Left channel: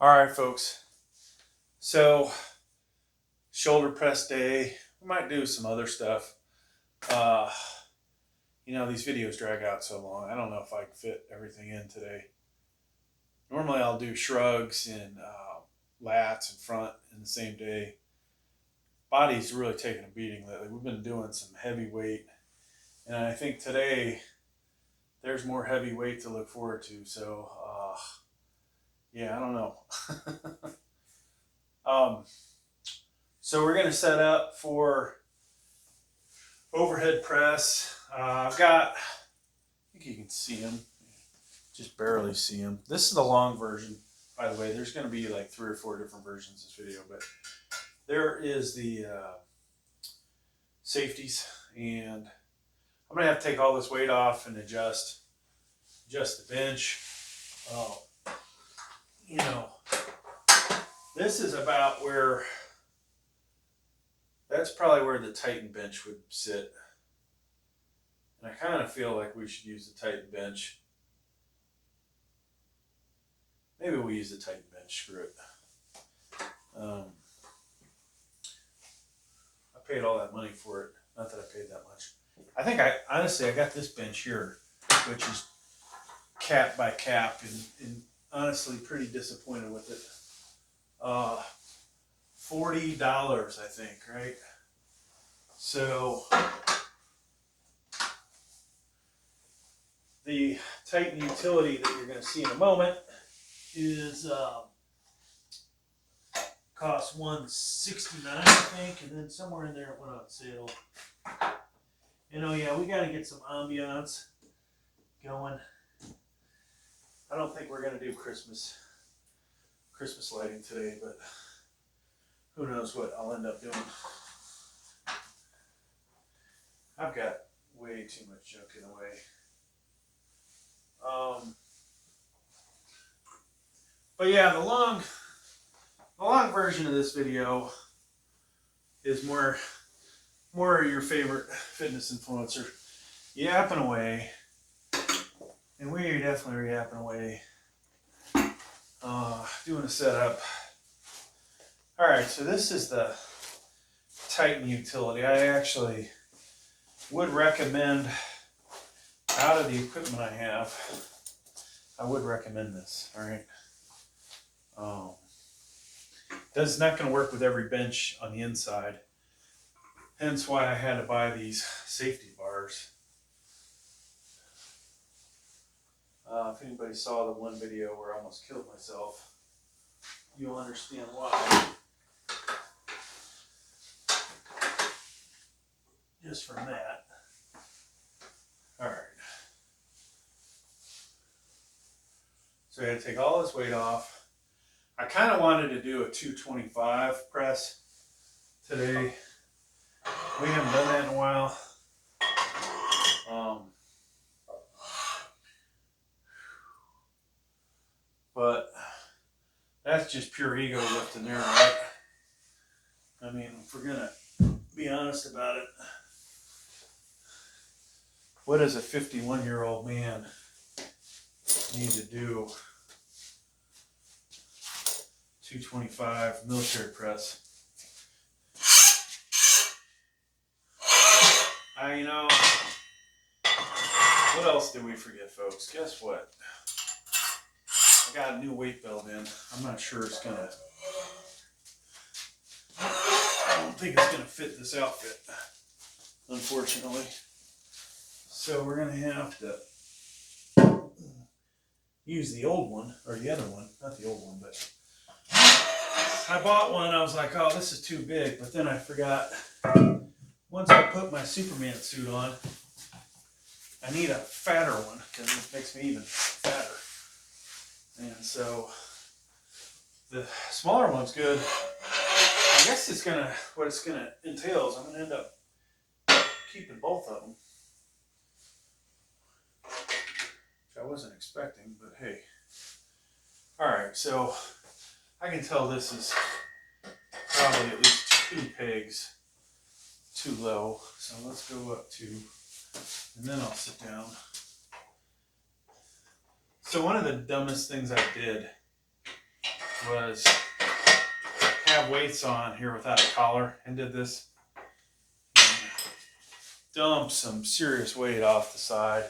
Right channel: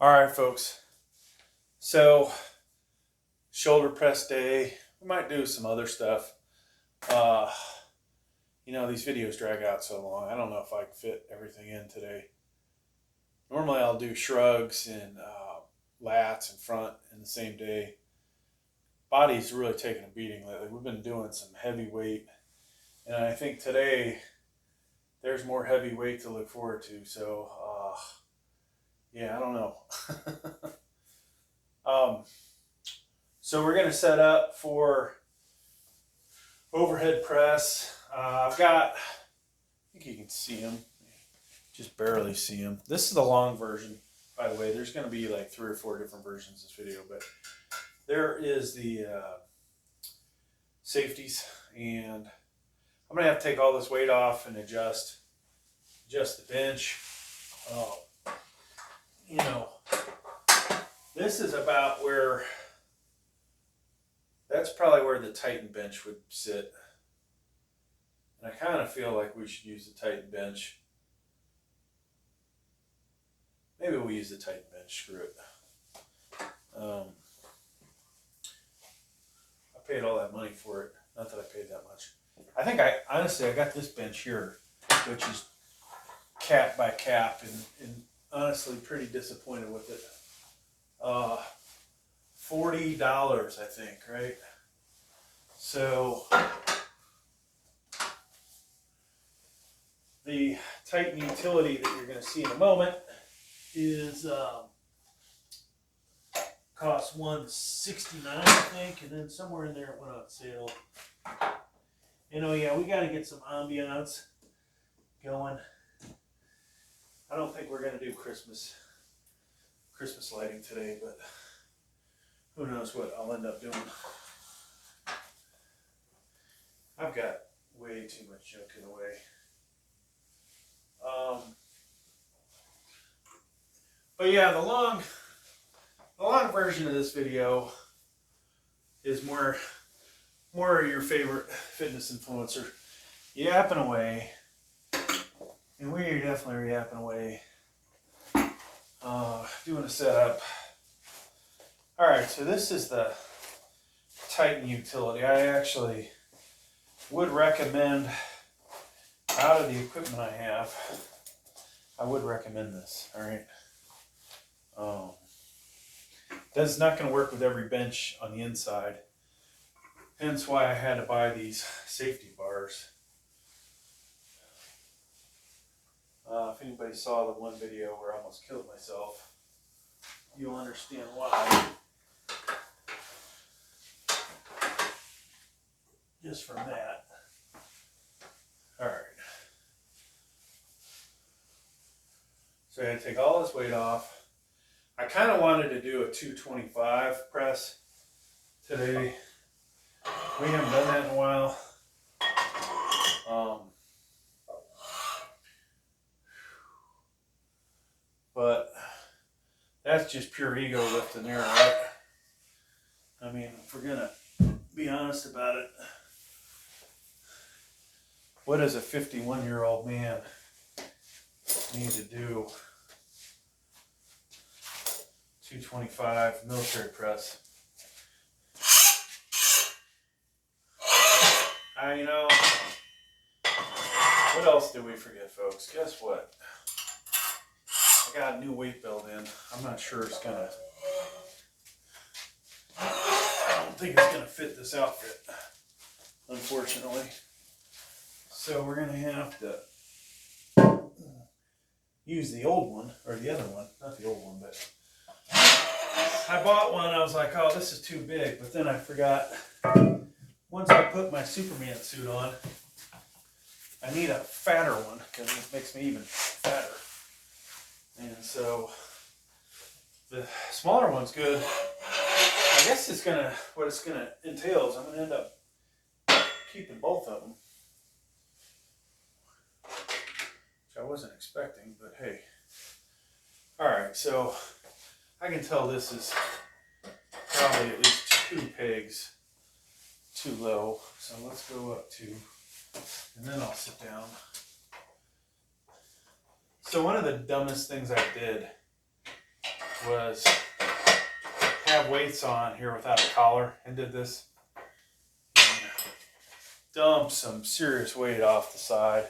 All right, folks. So, shoulder press day. We might do some other stuff. These videos drag out so long. I don't know if I can fit everything in today. Normally, I'll do shrugs and lats and front in the same day. Body's really taking a beating lately. We've been doing some heavy weight, and I think today there's more heavy weight to look forward to. So, yeah, I don't know. So we're going to set up for overhead press. I think you can see them, just barely see them. This is the long version, by the way. There's going to be like 3 or 4 different versions of this video, but there is the safeties, and I'm going to have to take all this weight off and adjust the bench. This is about where, that's probably where the Titan bench would sit. And I kind of feel like we should use the Titan bench. Maybe we'll use the Titan bench, screw it. I paid all that money for it. Not that I paid that much. I think honestly, I got this bench here, which is cap by cap, and honestly pretty disappointed with it. $40, I think, right? So the Titan utility that you're going to see in a moment is costs $169, I think, and then somewhere in there it went on sale. And oh yeah, we got to get some ambiance going. I don't think we're going to do Christmas lighting today, but who knows what I'll end up doing. I've got way too much junk in the way. But yeah, the long version of this video is more your favorite fitness influencer yapping away, and we are definitely yapping away. Doing a setup. All right, so this is the Titan utility. I actually would recommend, out of the equipment I have, I would recommend this. All right. That's not going to work with every bench on the inside. Hence why I had to buy these safety bars. If anybody saw the one video where I almost killed myself, you'll understand why. Just from that. All right. So I had to take all this weight off. I kind of wanted to do a 225 press today. We haven't done that in a while. But that's just pure ego lifting there, right? I mean, if we're gonna be honest about it, what does a 51-year-old man need to do? 225 military press. What else did we forget, folks? Guess what? I got a new weight belt in. I'm not sure it's gonna, I don't think it's gonna fit this outfit, unfortunately. So we're gonna have to use the old one, or the other one, not the old one, but I bought one. I was like, oh, this is too big, but then I forgot, once I put my Superman suit on, I need a fatter one because it makes me even fatter. And so the smaller one's good. I guess what it's gonna entail is I'm gonna end up keeping both of them, which I wasn't expecting, but hey. All right, so I can tell this is probably at least 2 pegs too low. So let's go up 2, and then I'll sit down. So one of the dumbest things I did was have weights on here without a collar and did this. Dumped some serious weight off the side.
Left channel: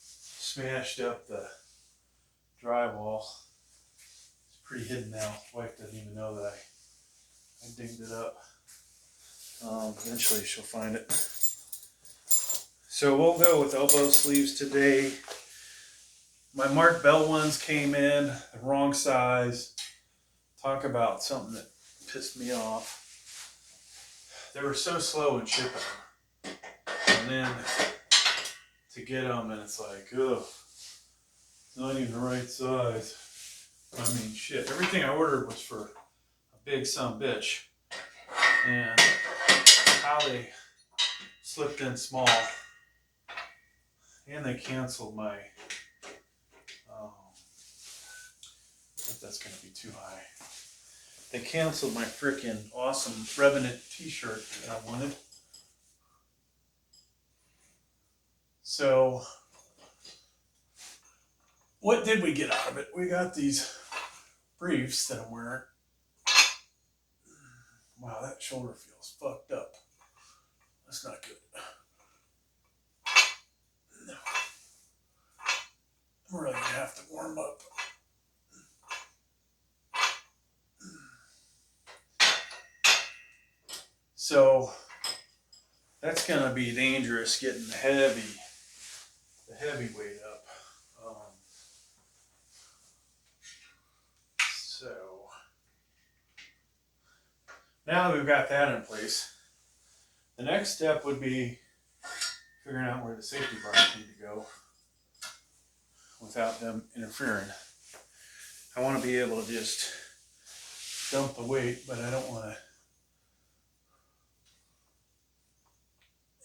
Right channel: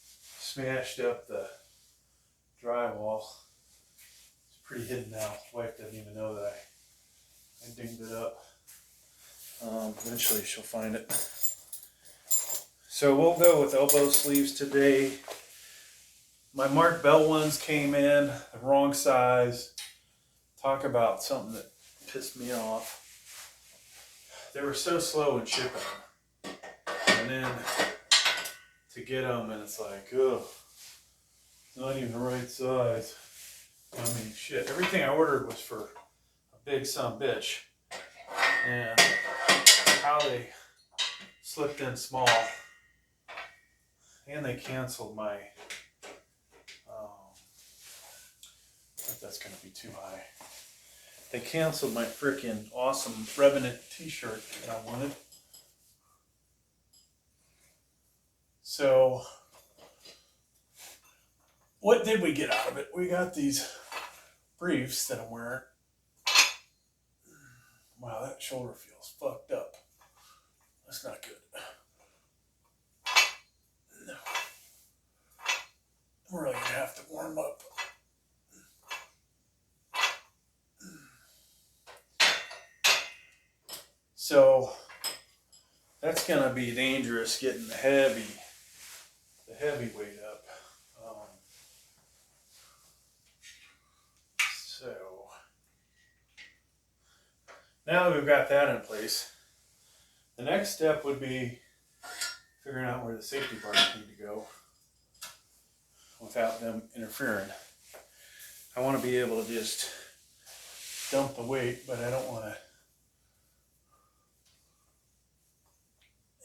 Smashed up the drywall. It's pretty hidden now. Wife doesn't even know that I dinged it up. Eventually she'll find it. So we'll go with elbow sleeves today. My Mark Bell ones came in the wrong size. Talk about something that pissed me off. They were so slow in shipping them. And then to get them, and it's like, ugh, it's not even the right size. I mean, shit, everything I ordered was for a big son bitch. And how they slipped in small. And they canceled my, if that's going to be too high. They canceled my freaking awesome Revenant t-shirt that I wanted. So, what did we get out of it? We got these briefs that I'm wearing. Wow, that shoulder feels fucked up. That's not good. No. I'm really gonna have to warm up. So that's gonna be dangerous getting the heavy weight up. So now that we've got that in place, the next step would be figuring out where the safety bars need to go without them interfering. I want to be able to just dump the weight, but I don't want to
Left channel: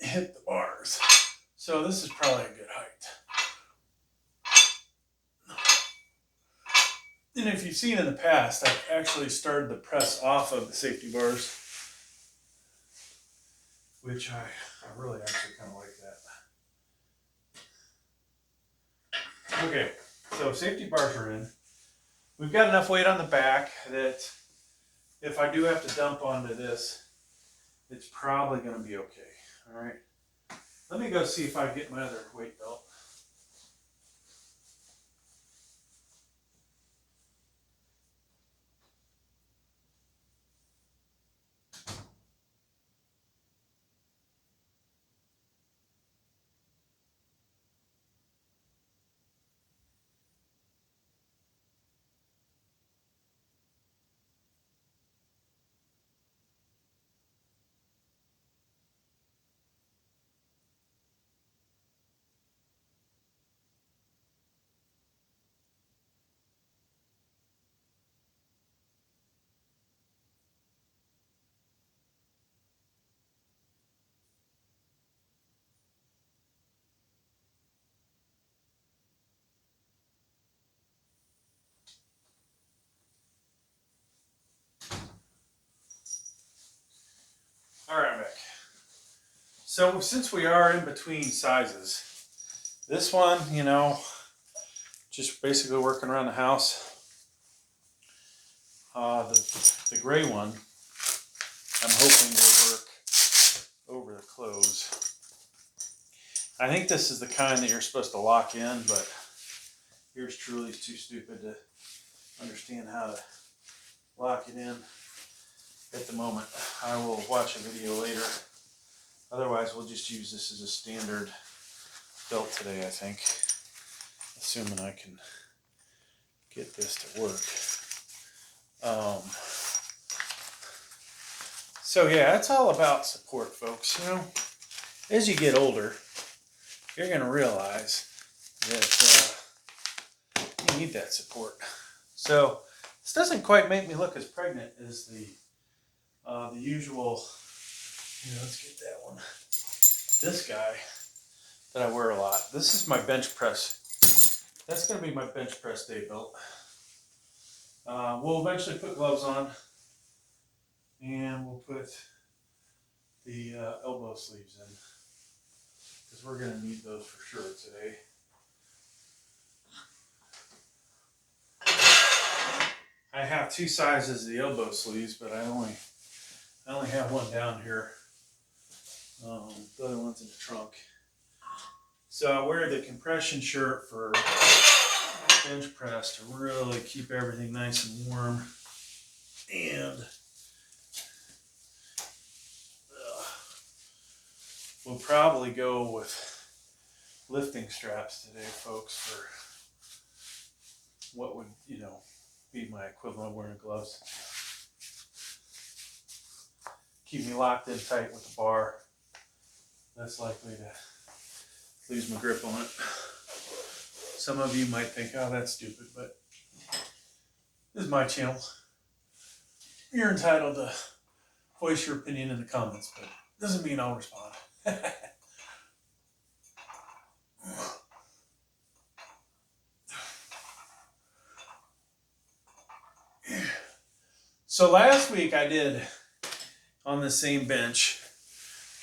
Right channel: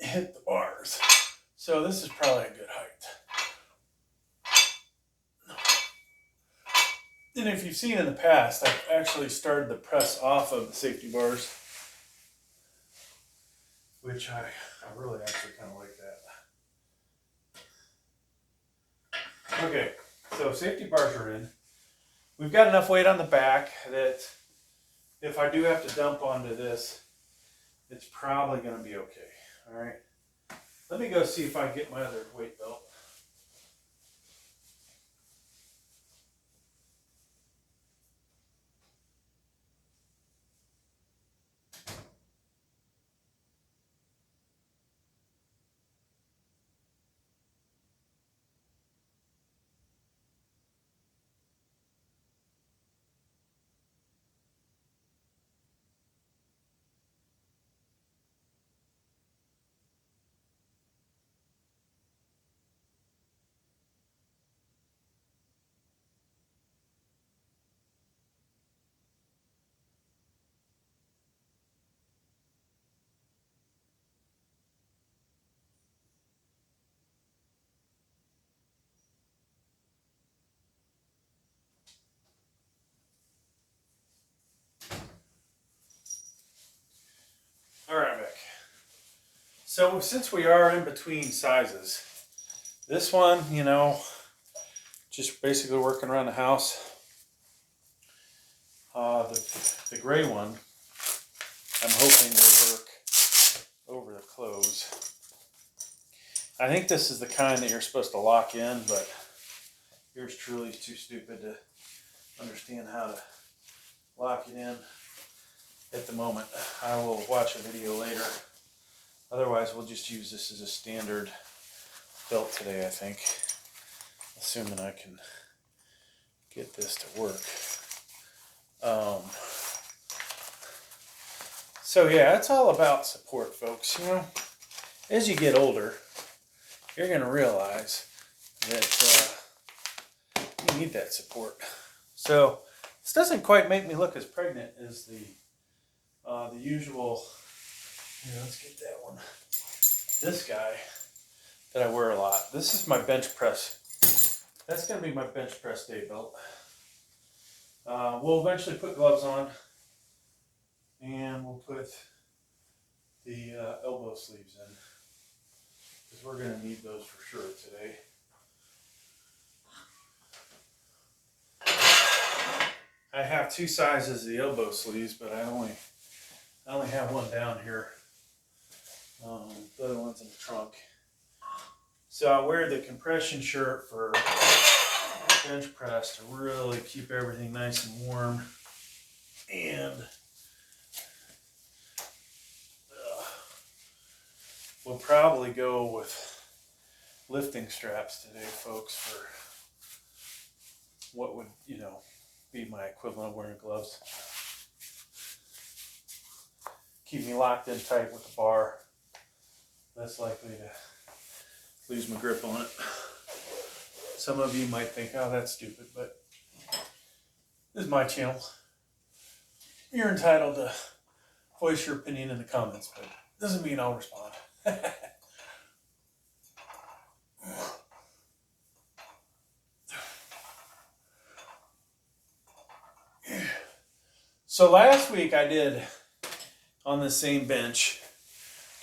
hit the bars. So this is probably a good height. And if you've seen in the past, I've actually started the press off of the safety bars, which I really actually kind of like that. Okay, so safety bars are in. We've got enough weight on the back that if I do have to dump onto this, it's probably going to be okay. All right. Let me go see if I can get my other weight belt. All right, Mick. So since we are in between sizes, this one, you know, just basically working around the house. The gray one, I'm hoping will work over the clothes. I think this is the kind that you're supposed to lock in, but yours truly is too stupid to understand how to lock it in at the moment. I will watch a video later. Otherwise, we'll just use this as a standard belt today, I think. Assuming I can get this to work. So yeah, it's all about support, folks. You know, as you get older, you're going to realize that you need that support. So this doesn't quite make me look as pregnant as the usual. Here, let's get that one. This guy that I wear a lot. This is my bench press. That's going to be my bench press day belt. We'll eventually put gloves on, and we'll put the elbow sleeves in, because we're going to need those for sure today. I have two sizes of the elbow sleeves, but I only have one down here. The other one's in the trunk. So I wear the compression shirt for bench press to really keep everything nice and warm. And we'll probably go with lifting straps today, folks, for what would, be my equivalent of wearing gloves. Keep me locked in tight with the bar. Less likely to lose my grip on it. Some of you might think, oh, that's stupid, but this is my channel. You're entitled to voice your opinion in the comments, but it doesn't mean I'll respond. So last week I did, on the same bench,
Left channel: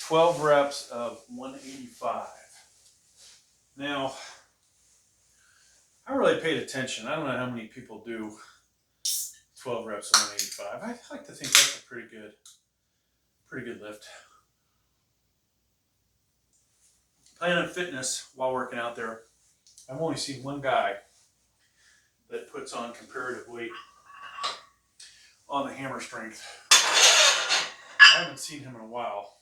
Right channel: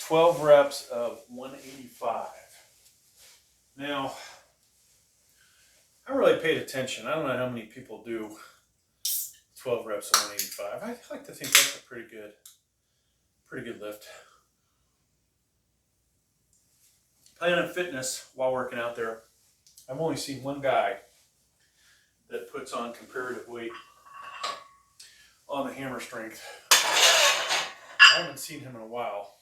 12 reps of 185. Now, I really paid attention. I don't know how many people do 12 reps of 185. I like to think that's a pretty good lift. Planet Fitness, while working out there, I've only seen one guy that puts on comparative weight on the hammer strength. I haven't seen him in a while.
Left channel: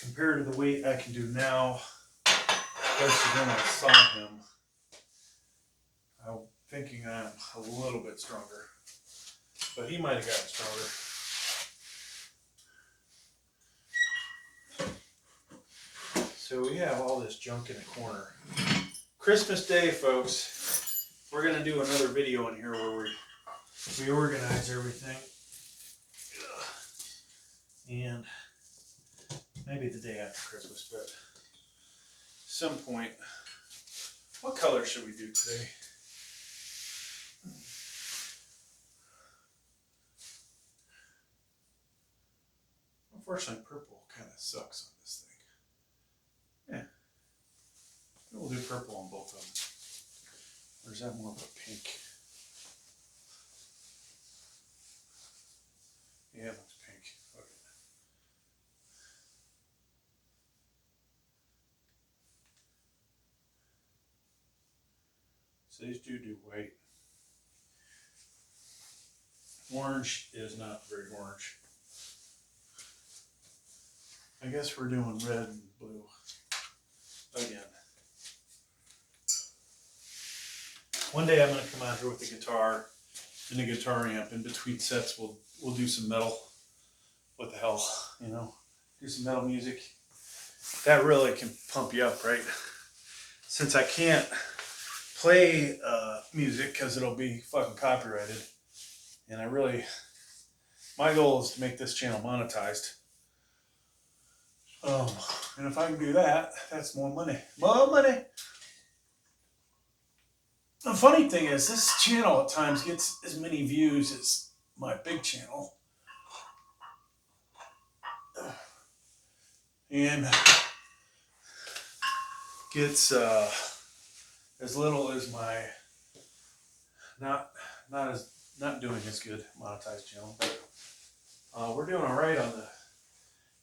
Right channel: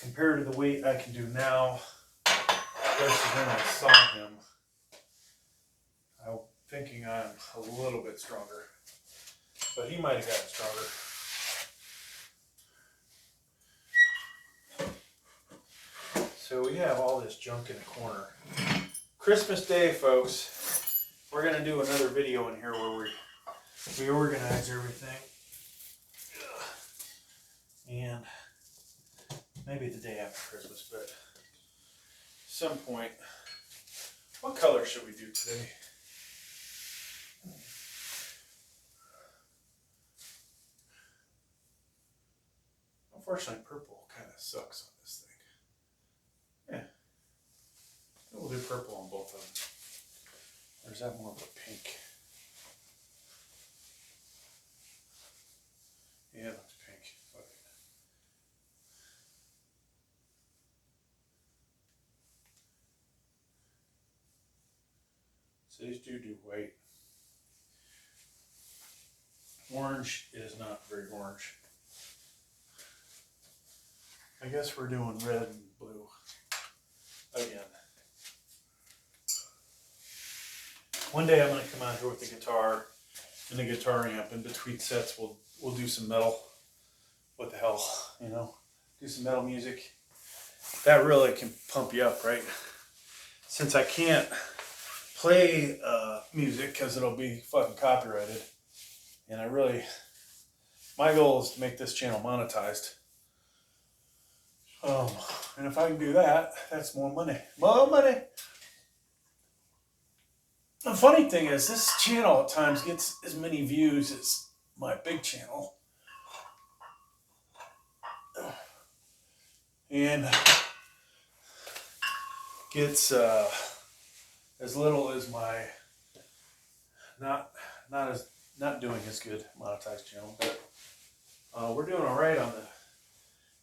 Compared to the weight I can do now, versus when I saw him, I'm thinking I'm a little bit stronger. But he might have gotten stronger. So we have all this junk in the corner. Christmas Day, folks, we're going to do another video in here where we organize everything. And maybe the day after Christmas, but some point. What color should we do today? Unfortunately, purple kind of sucks on this thing. Yeah. We'll do purple on both of them. Or is that more of a pink? Yeah, it looks pink. Okay. So these do white. Orange is not very orange. I guess we're doing red and blue again. One day I'm going to come out here with the guitar and the guitar amp. In between sets, we'll do some metal. What the hell, do some metal music. That really can pump you up, right? Since I can't play music because it'll be fucking copyrighted, and my goal is to make this channel monetized. And if I can do that, that's more money. More money. The funny thing is, this channel at times gets as many views as my big channel. And gets as little as my not doing as good monetized channel. But we're doing all right on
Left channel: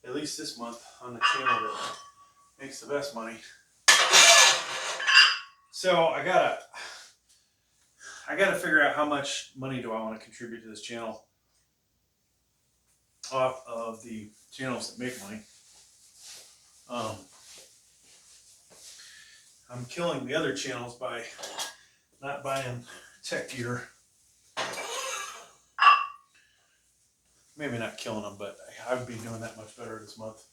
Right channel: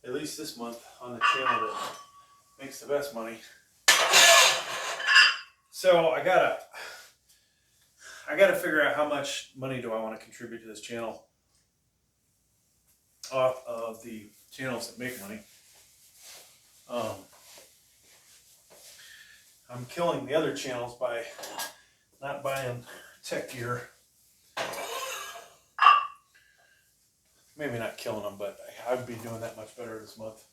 at least this month on the channel that makes the best money. So I gotta figure out how much money do I want to contribute to this channel off of the channels that make money. I'm killing the other channels by not buying tech gear. Maybe not killing them, but I would be doing that much better this month.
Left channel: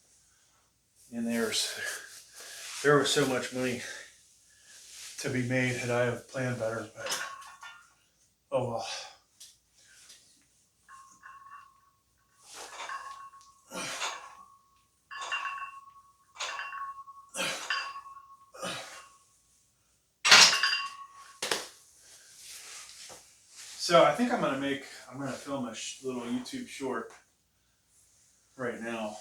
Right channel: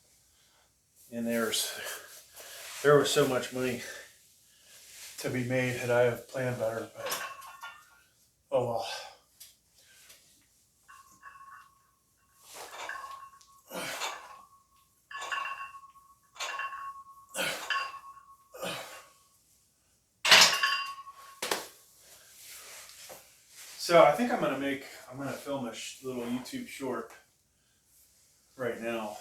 And there was so much money to be made had I have planned better, but oh well. So I think I'm gonna film a little YouTube short right now,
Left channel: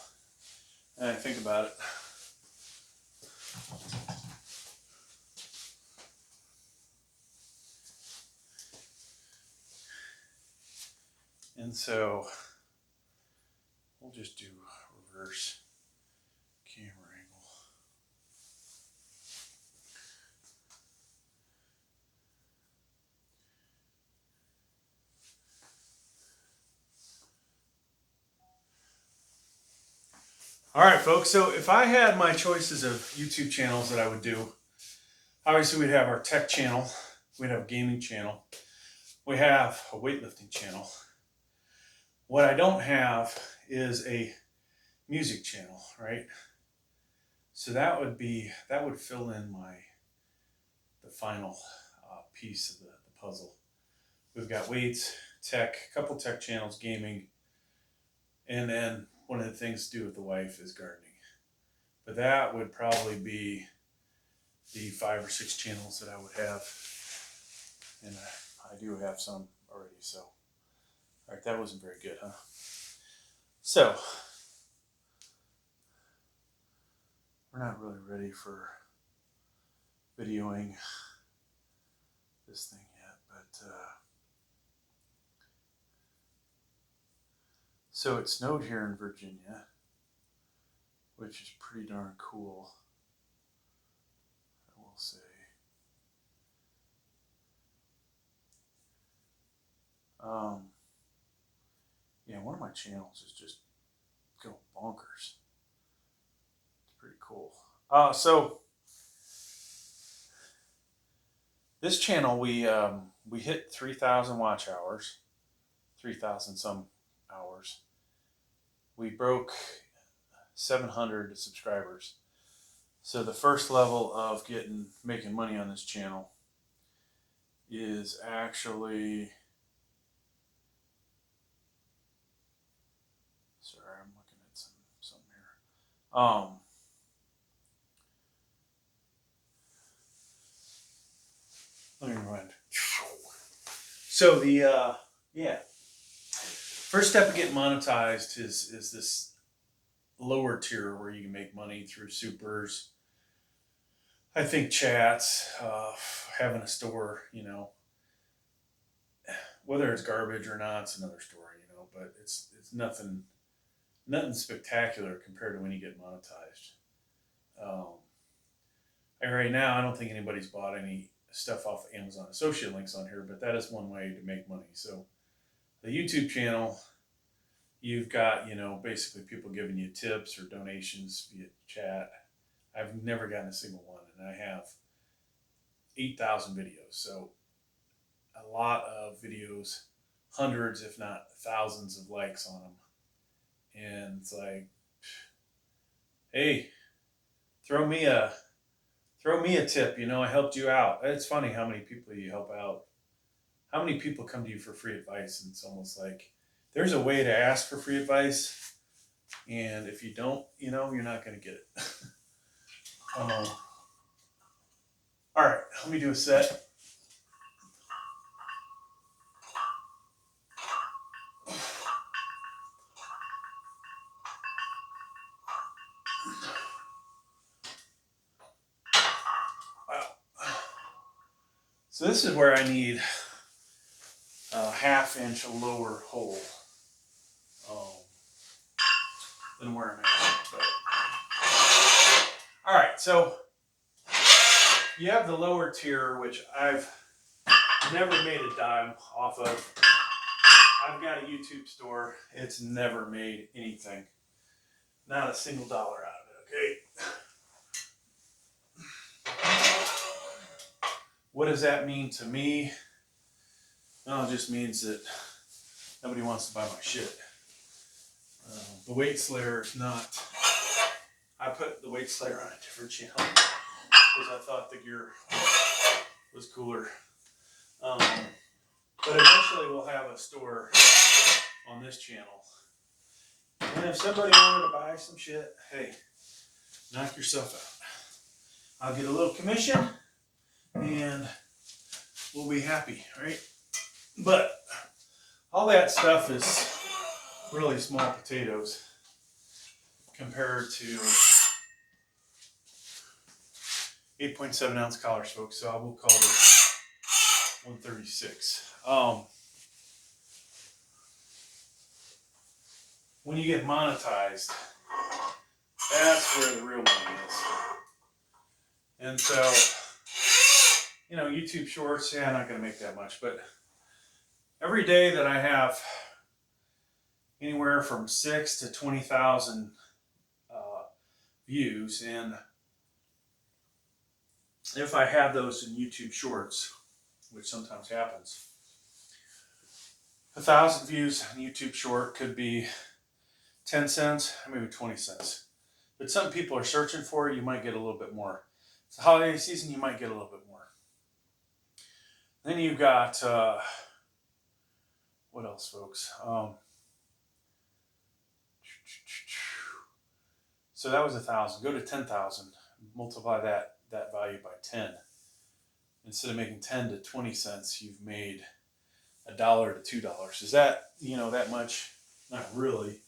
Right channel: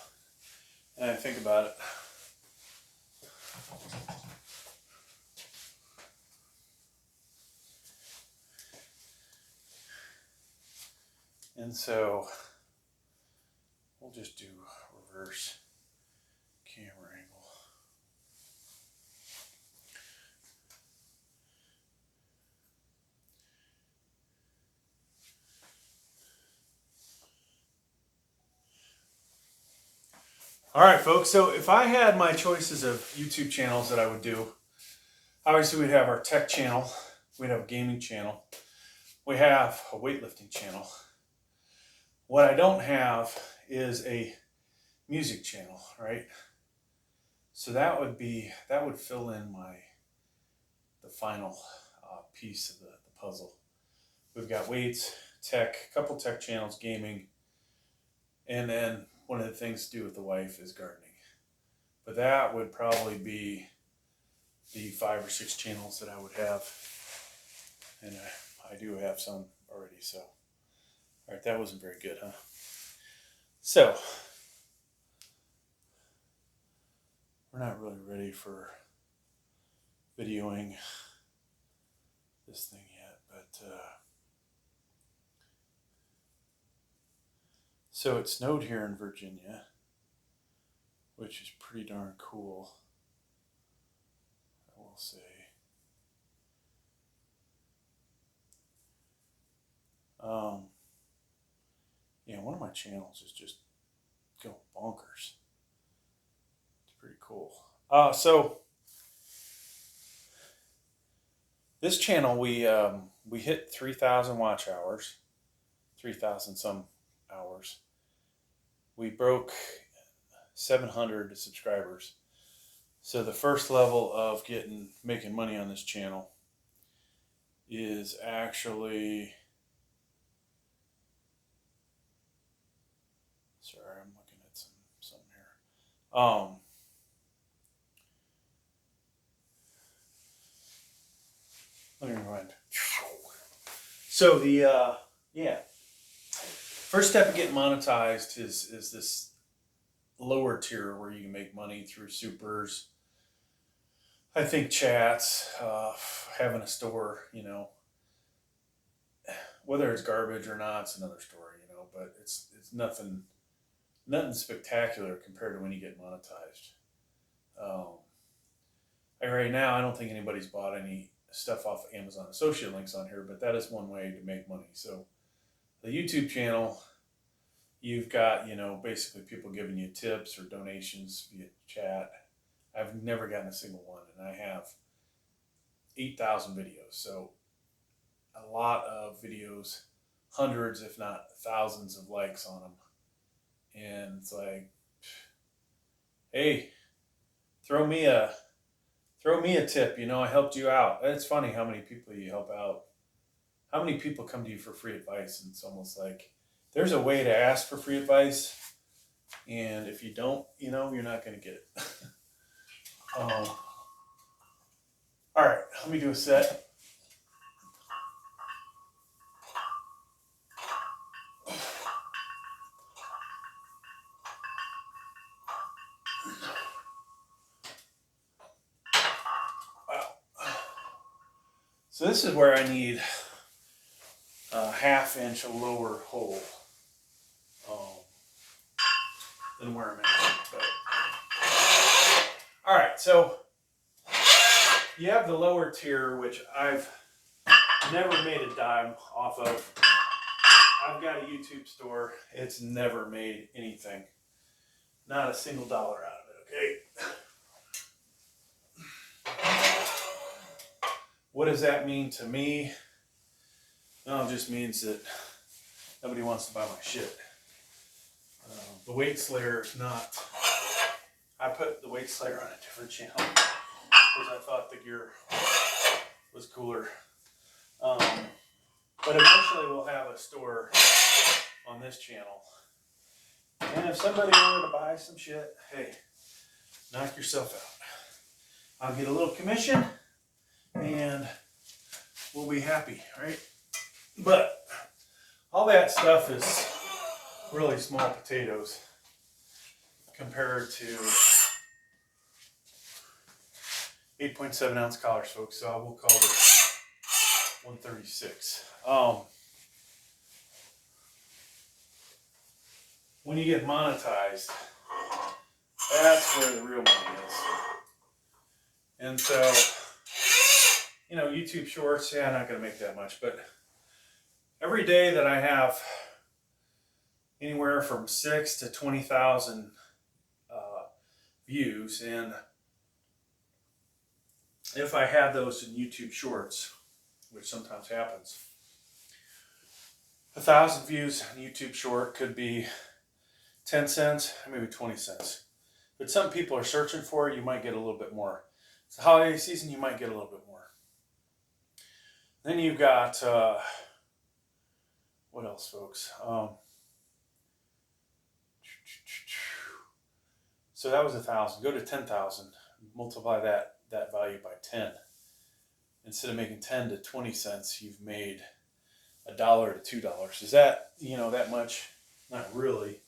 and I think about it. And so we'll just do reverse camera angle. All right, folks, so if I had my choices of YouTube channels that I would do, obviously we'd have our tech channel, we'd have a gaming channel, we have a weightlifting channel. What I don't have is a music channel, right? So that would fill in the final piece of the puzzle. We've got weights, tech, a couple tech channels, gaming, and then one of the things to do with the wife is gardening. But that would probably be the 5 or 6 channels that I would have. And I do have some already, so. All right, that wasn't very good, huh? So, we're not really ready for videoing this thing yet, but so it snowed here in Virginia, which is pretty darn cool, I will say. Yeah, one of my channels is just going bonkers. It's pretty cool. So this channel, we hit 3,000 watch hours, 3,000 some hours. We broke 700 subscribers. So the first level of making money on this channel is actually, sorry, I'm looking at something here. Let me rewind. So the first step of getting monetized is this lower tier where you can make money through supers. I think chats, having a store, you know, whether it's garbage or not, it's another story, you know, but it's nothing spectacular compared to when you get monetized. Right now, I don't think anybody's bought any stuff off Amazon associate links on here, but that is one way to make money. So the YouTube channel, you've got, you know, basically people giving you tips or donations via chat. I've never gotten a single one, and I have 8,000 videos. So a lot of videos, hundreds, if not thousands of likes on them. And it's like, hey, throw me a tip, you know, I helped you out. It's funny how many people you help out. How many people come to you for free advice, and it's almost like there's a way to ask for free advice, and if you don't, you know, you're not going to get it. All right, let me do a set. Wow. So this is where I need a 1/2 inch lower hole than where I'm at. But, all right, so you have the lower tier, which I've never made a dime off of. I've got a YouTube store. It's never made anything. Not a single dollar out of it, okay? What does that mean to me? Well, it just means that nobody wants to buy my shit. The weight slayer is not... I put the weight slayer on a different channel because I thought the gear was cooler. But eventually we'll have a store on this channel. And if somebody wanted to buy some shit, hey, knock yourself out. I'll get a little commission and we'll be happy, right? But all that stuff is really small potatoes compared to 8.7 ounce collars, folks. So I will call this 136. when you get monetized, that's where the real money is. And so, you know, YouTube Shorts, yeah, I'm not going to make that much, but every day that I have anywhere from 6,000 to 20,000 views, and if I had those in YouTube Shorts, which sometimes happens, 1,000 views on YouTube Short could be 10 cents, maybe 20 cents. But some people are searching for it, you might get a little bit more. It's the holiday season, you might get a little bit more. Then you've got, what else, folks? So that was 1,000. Go to 10,000. Multiply that value by 10. Instead of making 10 to 20 cents, you've made $1 to $2. Is that, you know, that much? Not really.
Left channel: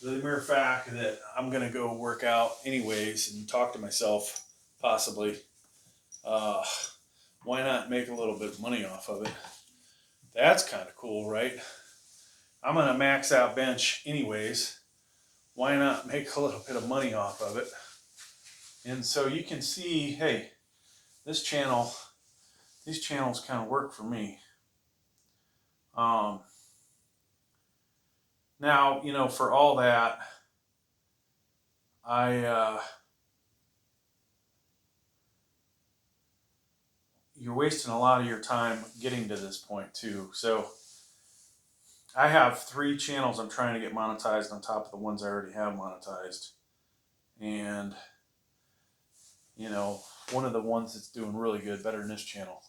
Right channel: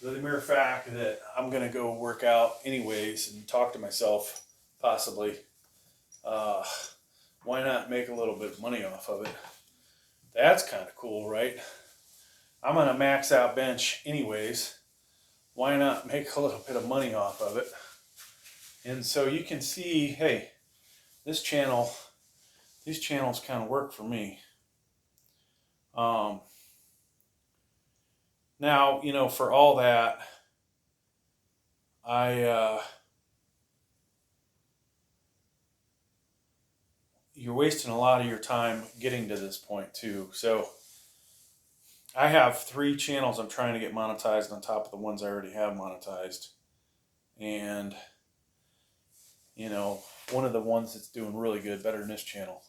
The mere fact that I'm going to go work out anyways and talk to myself, possibly, why not make a little bit of money off of it? That's kind of cool, right? I'm going to max out bench anyways. Why not make a little bit of money off of it? And so you can see, hey, these channels kind of work for me. Now, you know, for all that, you're wasting a lot of your time getting to this point too. So I have 3 channels I'm trying to get monetized on top of the ones I already have monetized. And, you know, one of the ones that's doing really good, better than this channel,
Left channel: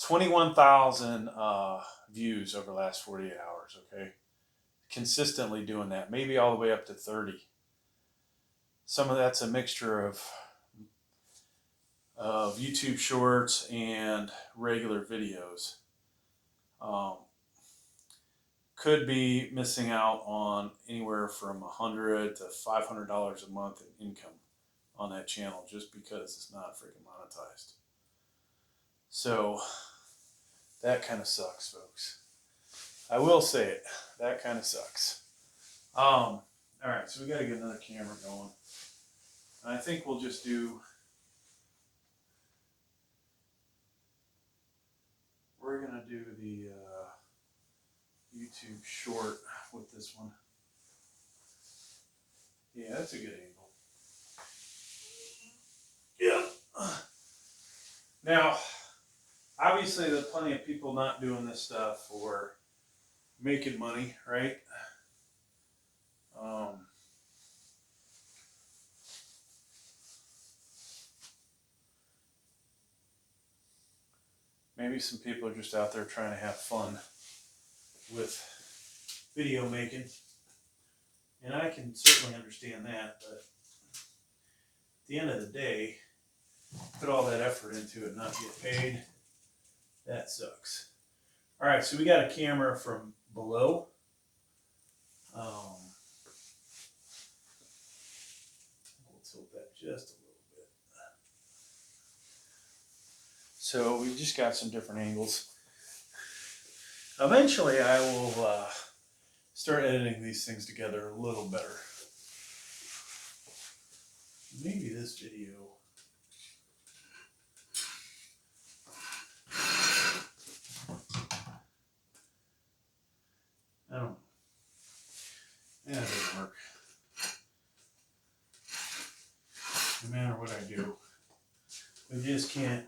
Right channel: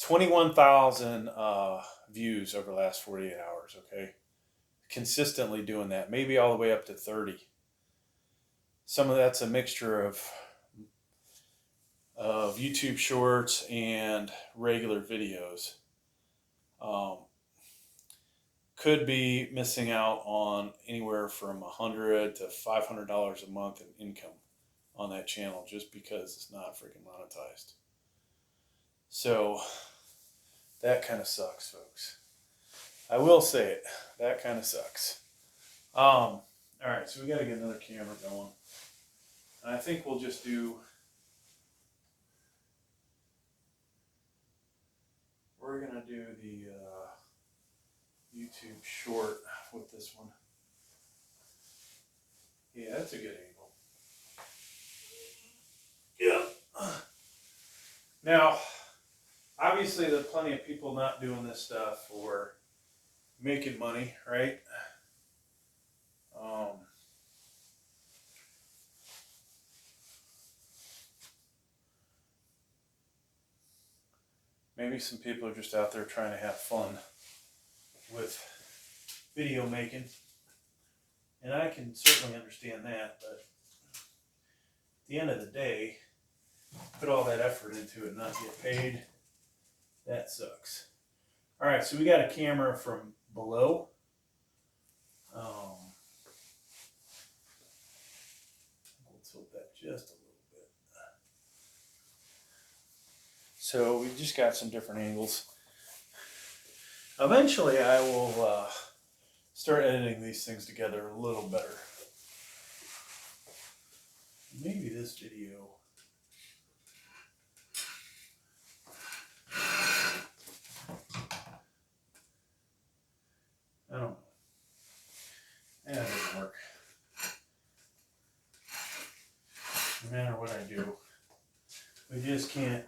21,000 views over the last 48 hours, okay? Consistently doing that, maybe all the way up to 30. Some of that's a mixture of YouTube Shorts and regular videos. Could be missing out on anywhere from $100 to $500 a month in income on that channel just because it's not freaking monetized. So that kind of sucks, folks. I will say it. That kind of sucks. All right, so we got to get another camera going. And I think we'll just do. We're gonna do the YouTube Short with this one. Yeah, that's a good angle. Yeah. Now, obviously, there's plenty of people not doing this stuff for making money, right? Maybe some people are just out there trying to have fun with video making. And I can certainly understand that, but at the end of the day, put all that effort into it and not get paid, that sucks. All right, so we got a camera from below. We'll tilt that just a little bit. So we just got some different angles. Eventually I will start editing these things together a little better. Maybe this video. I don't know. Yeah, it doesn't work. No matter what I do, we just can't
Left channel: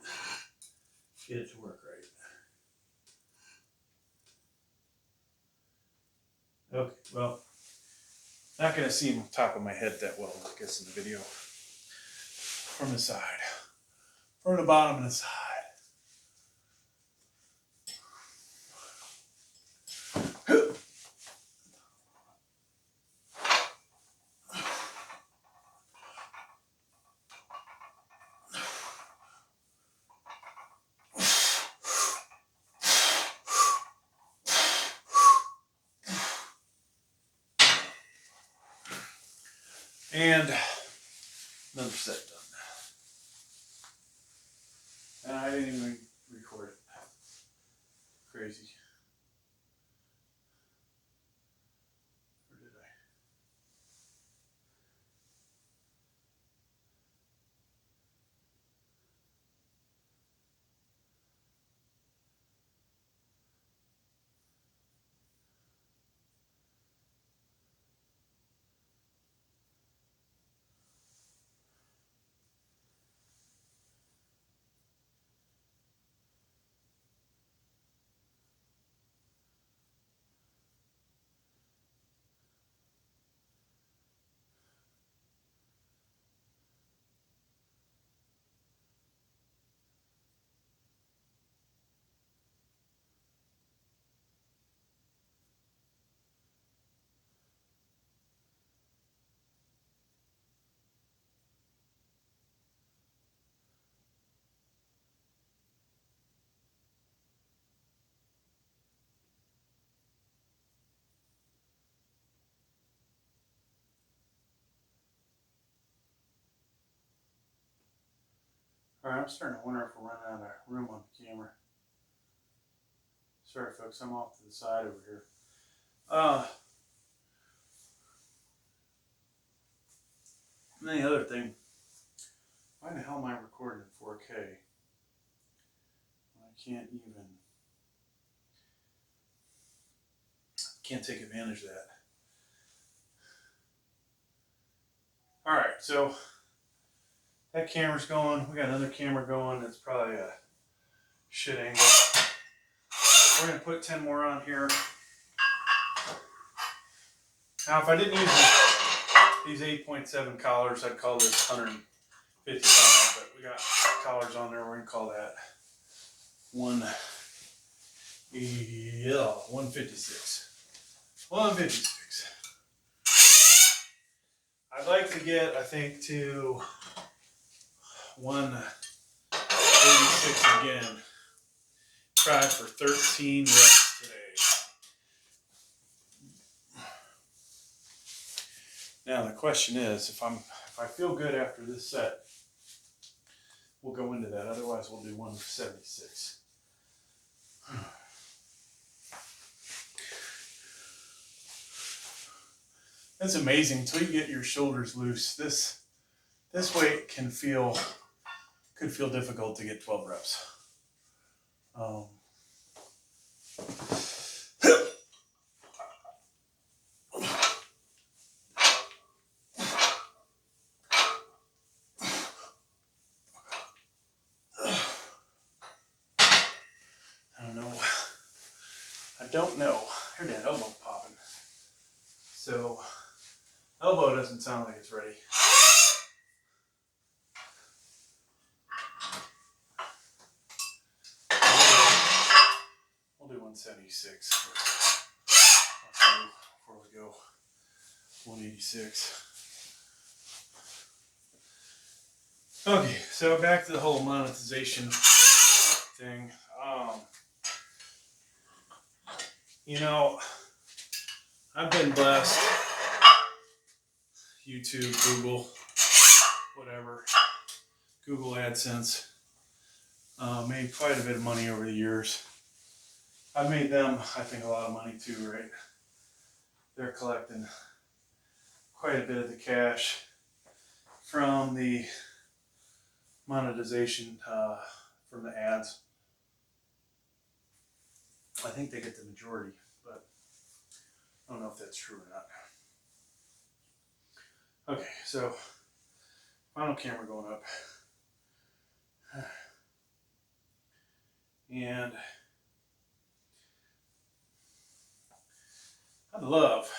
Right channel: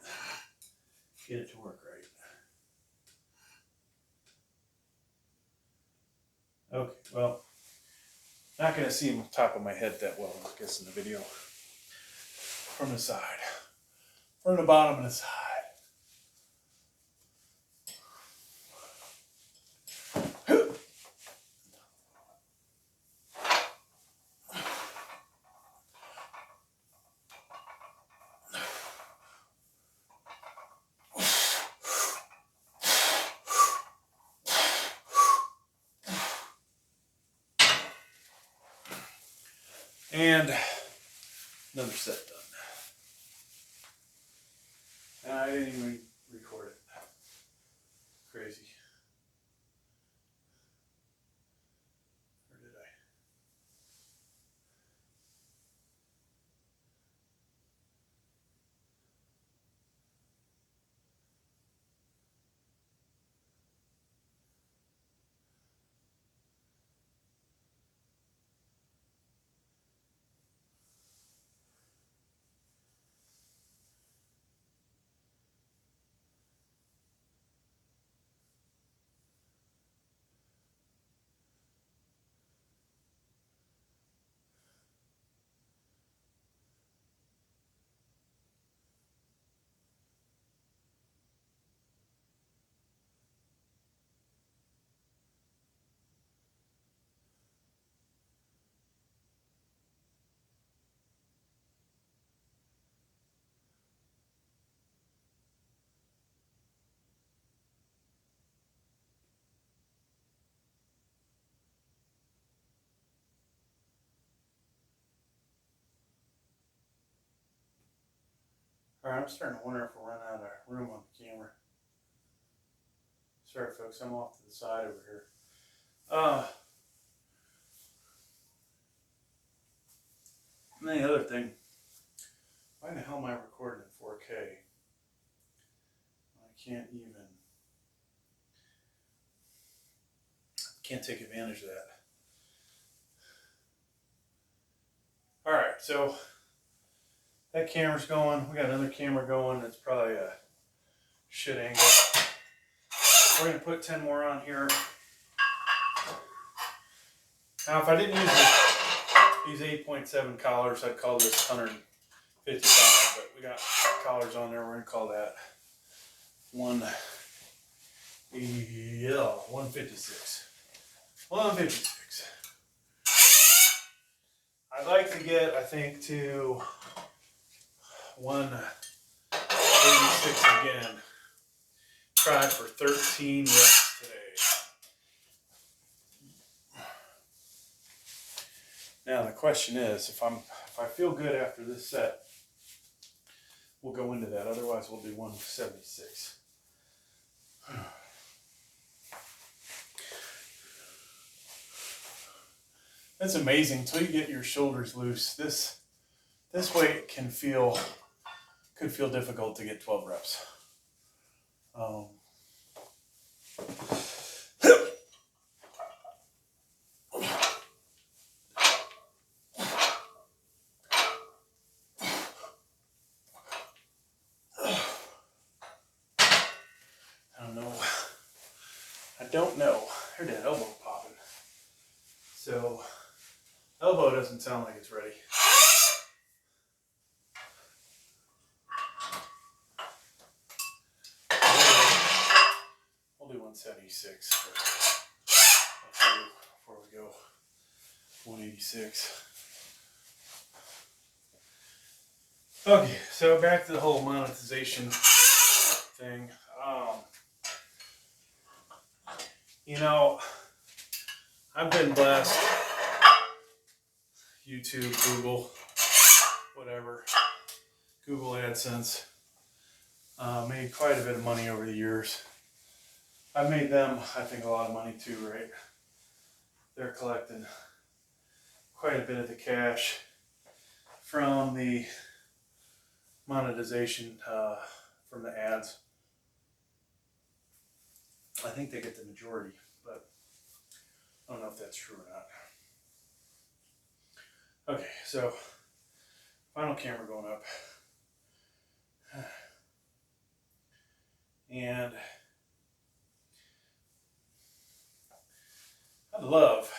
get it to work right. Okay, well, not going to see the top of my head that well, I guess, in the video. From the side. From the bottom and the side. And another set done. And I didn't even record it. Crazy. Or did I? Alright, I'm starting to wonder if we're running out of room on the camera. Sorry folks, I'm off to the side over here. And the other thing, why the hell am I recording in 4K? Can't take advantage of that. Alright, so that camera's going. We got another camera going. It's probably a shit angle. We're going to put 10 more on here. Now, if I didn't use these 8.7 collars, I'd call this 155, but we got collars on there. We're going to call that 156. 156. I'd like to get, I think, to 186 again. Tried for 13 reps today. Now the question is, if I feel good after this set, we'll go into that. Otherwise, we'll do 176. That's amazing. Until you get your shoulders loose, this weight could feel difficult to get 12 reps. I don't know. Heard that elbow popping. So, elbow doesn't sound like it's ready. We'll do 176 before we go 186. Okay, so back to the whole monetization thing. You know, I've been blessed. YouTube, Google, whatever. Google AdSense. Made quite a bit of money over the years. I've made them, I think, a lot of money too, right? They're collecting quite a bit of the cash from the monetization, from the ads. I think they get the majority, but I don't know if that's true or not. Okay, so final camera going up. And I'd love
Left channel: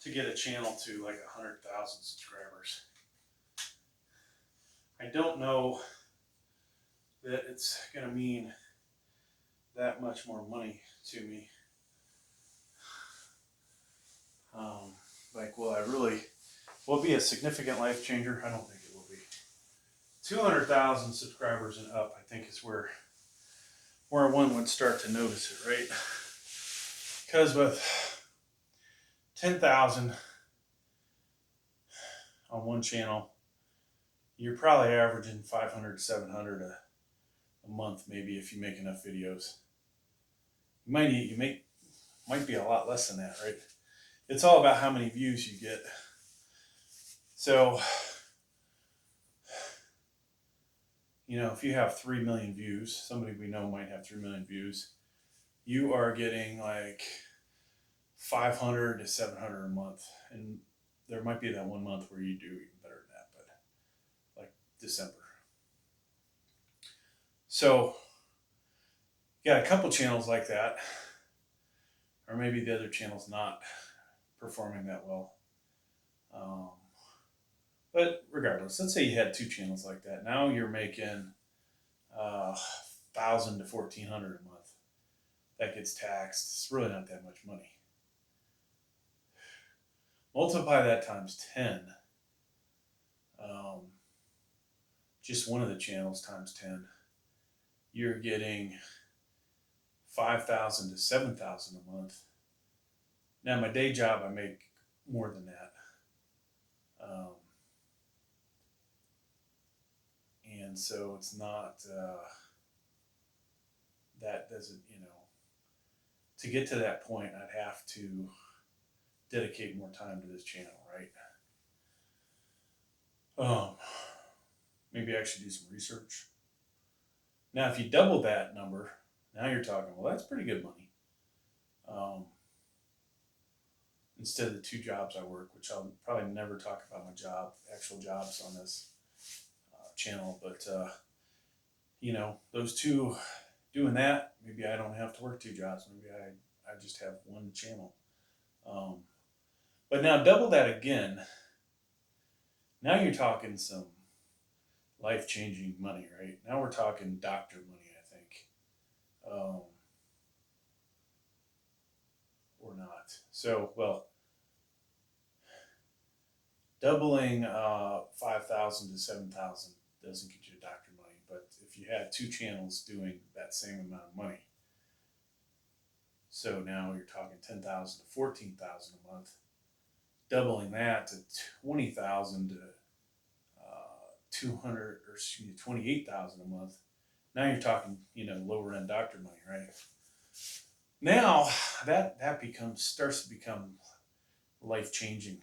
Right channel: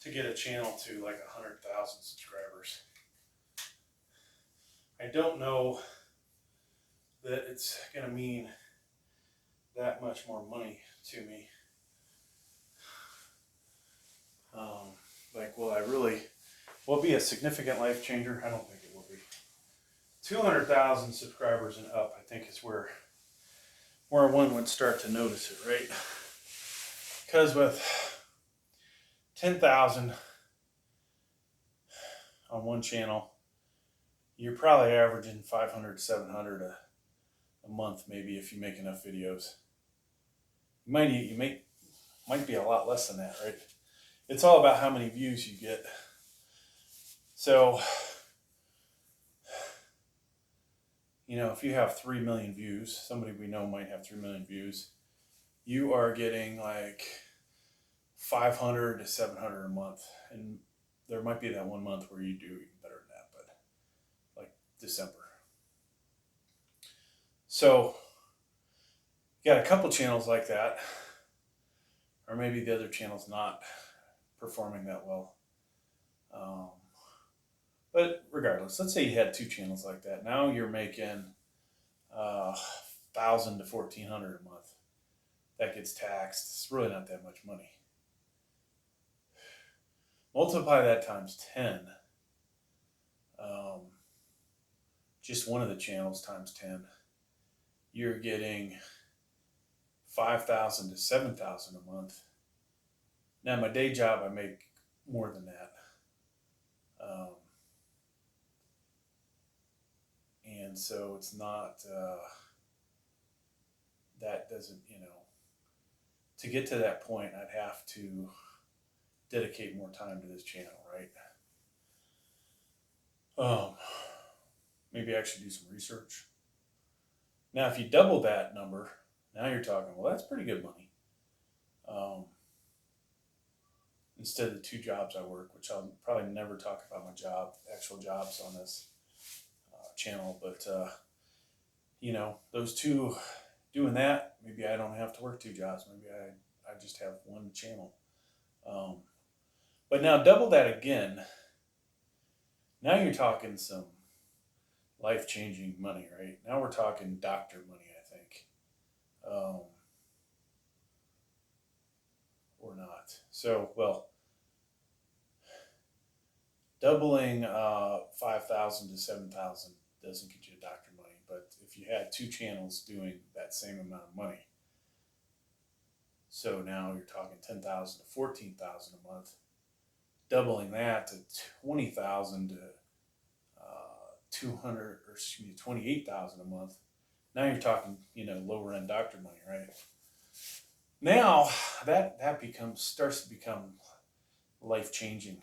to get a channel to like 100,000 subscribers. I don't know that it's going to mean that much more money to me. Like, will it be a significant life changer? I don't think it will be. 200,000 subscribers and up, I think, is where one would start to notice it, right? Because with 10,000 on one channel, you're probably averaging 500, 700 a month, maybe, if you make enough videos. You might be a lot less than that, right? It's all about how many views you get. So, you know, if you have 3 million views, somebody we know might have 3 million views, you are getting like 500 to 700 a month. And there might be that one month where you do even better than that, but like December. So, you got a couple channels like that, or maybe the other channel's not performing that well. But regardless, let's say you had 2 channels like that. Now you're making 1,000 to 1,400 a month. That gets taxed. It's really not that much money. Multiply that times 10. Just one of the channels times 10. You're getting 5,000 to 7,000 a month. Now, my day job, I make more than that. And And so it's not, that doesn't, you know, to get to that point, I'd have to dedicate more time to this channel, right? Maybe I should do some research. Now, if you double that number, now you're talking, well, that's pretty good money. Instead of the 2 jobs I work, which I'll probably never talk about my actual jobs on this channel, but you know, those 2, doing that, maybe I don't have to work 2 jobs. Maybe I just have 1 channel. But now double that again. Now you're talking some life-changing money, right? Now we're talking doctor money, I think. Or not. So, well, doubling 5,000 to 7,000 doesn't get you doctor money, but if you had 2 channels doing that same amount of money, so now you're talking 10,000 to 14,000 a month, doubling that to 20,000 to 28,000 a month. Now you're talking, you know, lower end doctor money, right? Now that starts to become life changing.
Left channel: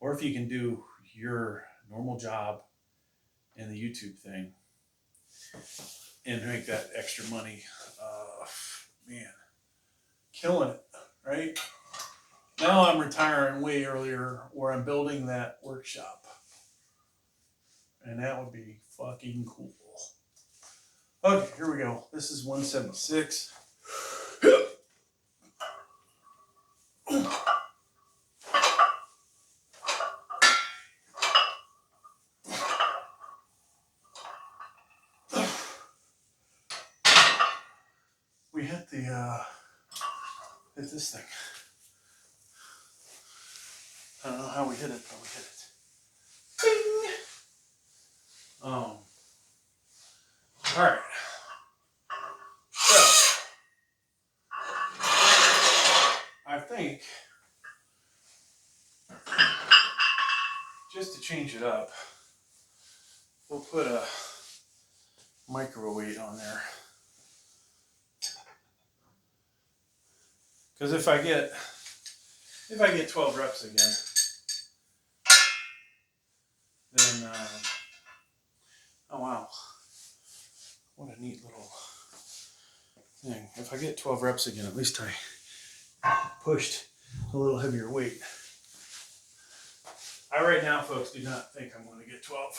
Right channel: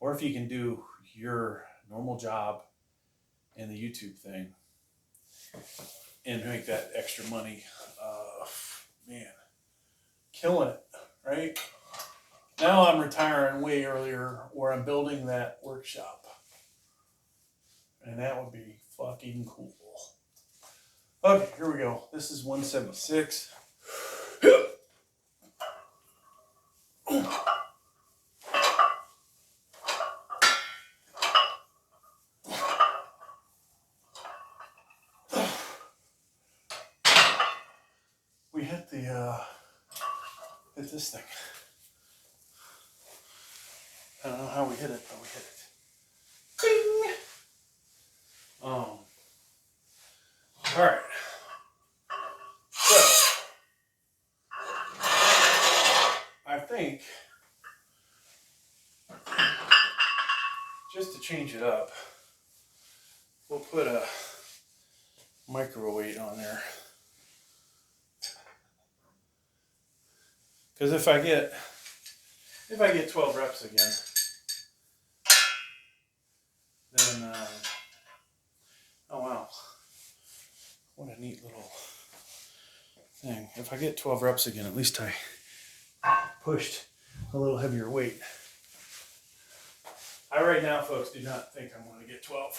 Or if you can do your normal job and the YouTube thing and make that extra money, man, killing it, right? Now I'm retiring way earlier, or I'm building that workshop, and that would be fucking cool. Okay, here we go. This is 176. We hit hit this thing. I don't know how we hit it, but we hit it. Bing! All right. So, I think, just to change it up, we'll put a micro weight on there. Because if I get 12 reps again, then oh wow, what a neat little thing. If I get 12 reps again, at least I pushed a little heavier weight. I right now, folks, do not think I'm going to get 12.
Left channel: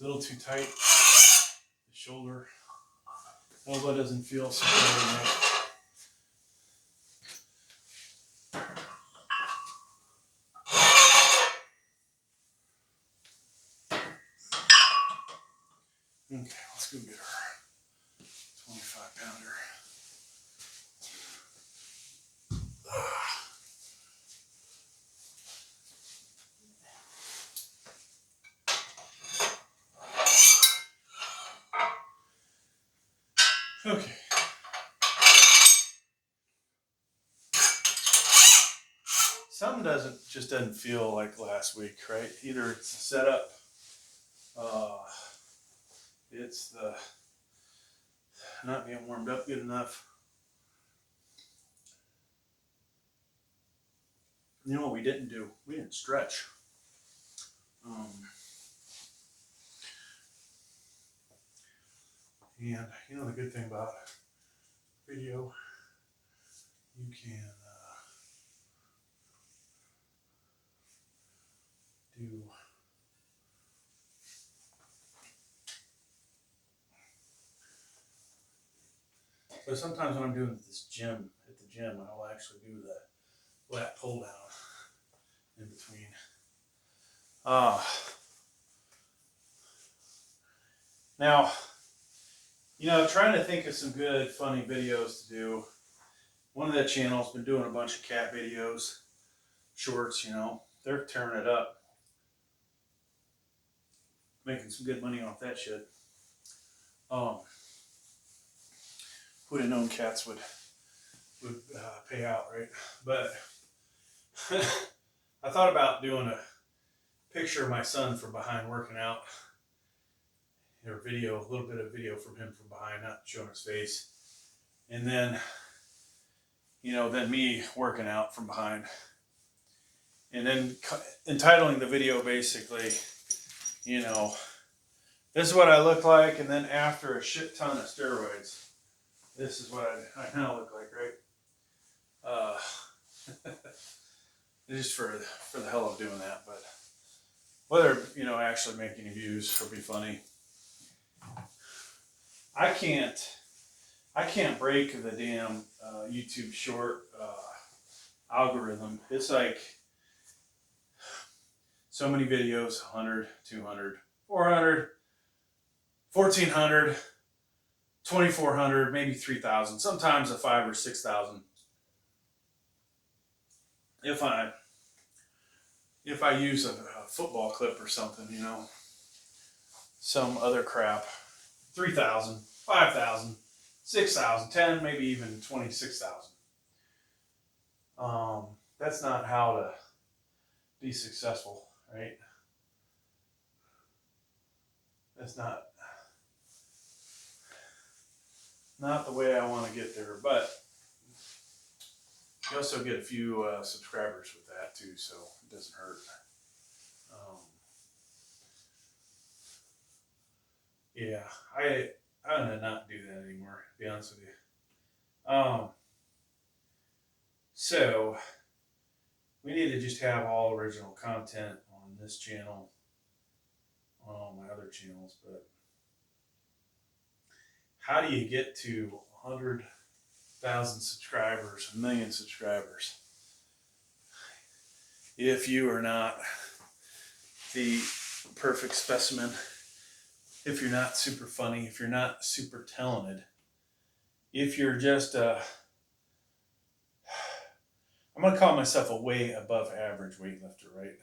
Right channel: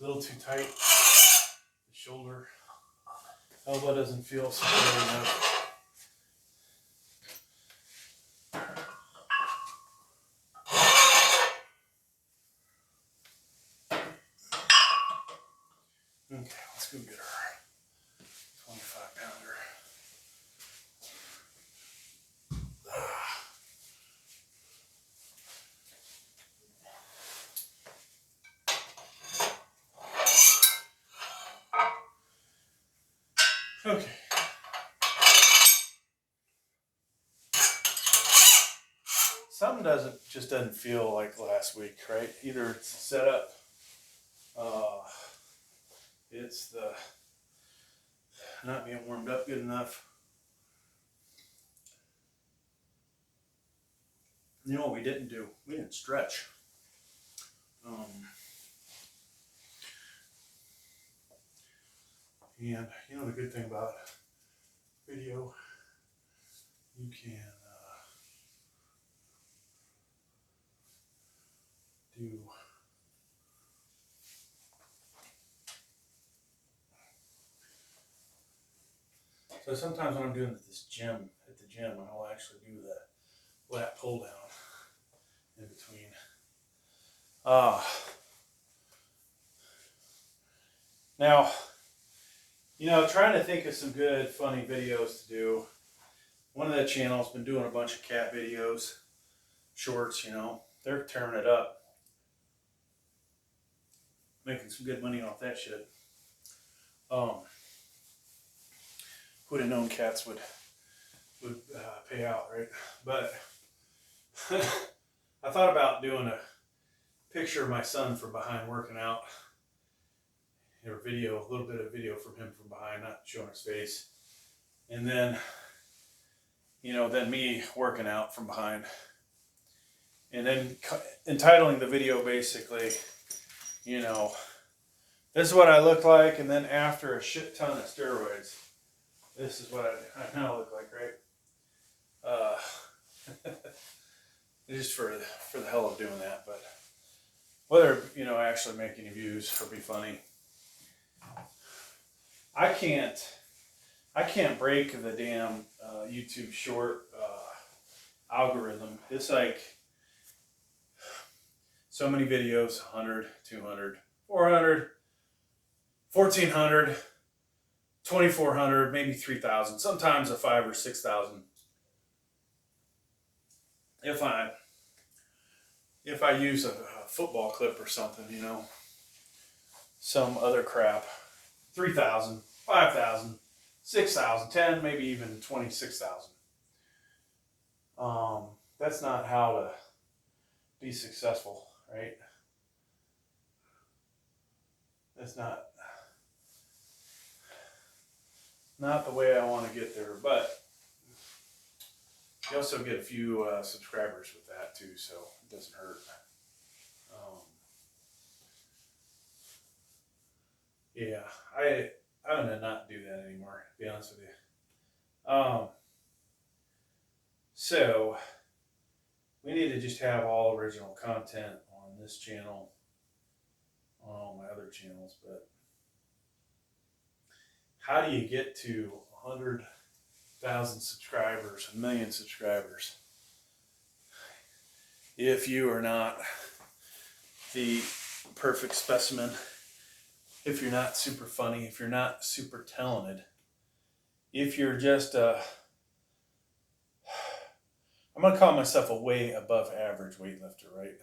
A little too tight. The shoulder. Elbow doesn't feel so good enough. Okay, let's go get our 25-pounder. Okay. Something just doesn't feel like last week, right? Either it's the setup, it's the not being warmed up good enough. You know what we didn't do? We didn't stretch. And you know the good thing about video, you can do so sometimes when I'm doing at the gym, I'll actually do the lat pull down in between. Now, you know, trying to think of some good, funny videos to do. One of the channels been doing a bunch of cat videos, shorts, you know. They're tearing it up. making some good money off that shit. Would have known cats would pay out, right? But I thought about doing a picture of my son from behind working out, or video, a little bit of video from him from behind, not showing his face, and then, then me working out from behind, and then entitling the video basically, this is what I look like, and then after a shit ton of steroids, this is what I kind of look like, right? Just for the hell of doing that, but whether actually make any views or be funny, I can't break the damn YouTube short algorithm. It's like so many videos, 100, 200, 400, 1,400, 2,400, maybe 3,000, sometimes a 5,000 or 6,000. If I use a football clip or something, some other crap, 3,000, 5,000, 6,000, 10, maybe even 26,000. That's not how to be successful, right? That's not the way I want to get there, but you also get a few subscribers with that too, so it doesn't hurt. Yeah, I'm gonna not do that anymore, to be honest with you. So we need to just have all original content on this channel, on all my other channels, but how do you get to 100,000 subscribers, 1 million subscribers, if you are not the perfect specimen, if you're not super funny, if you're not super talented, if you're just I'm going to call myself a way above average weightlifter, right?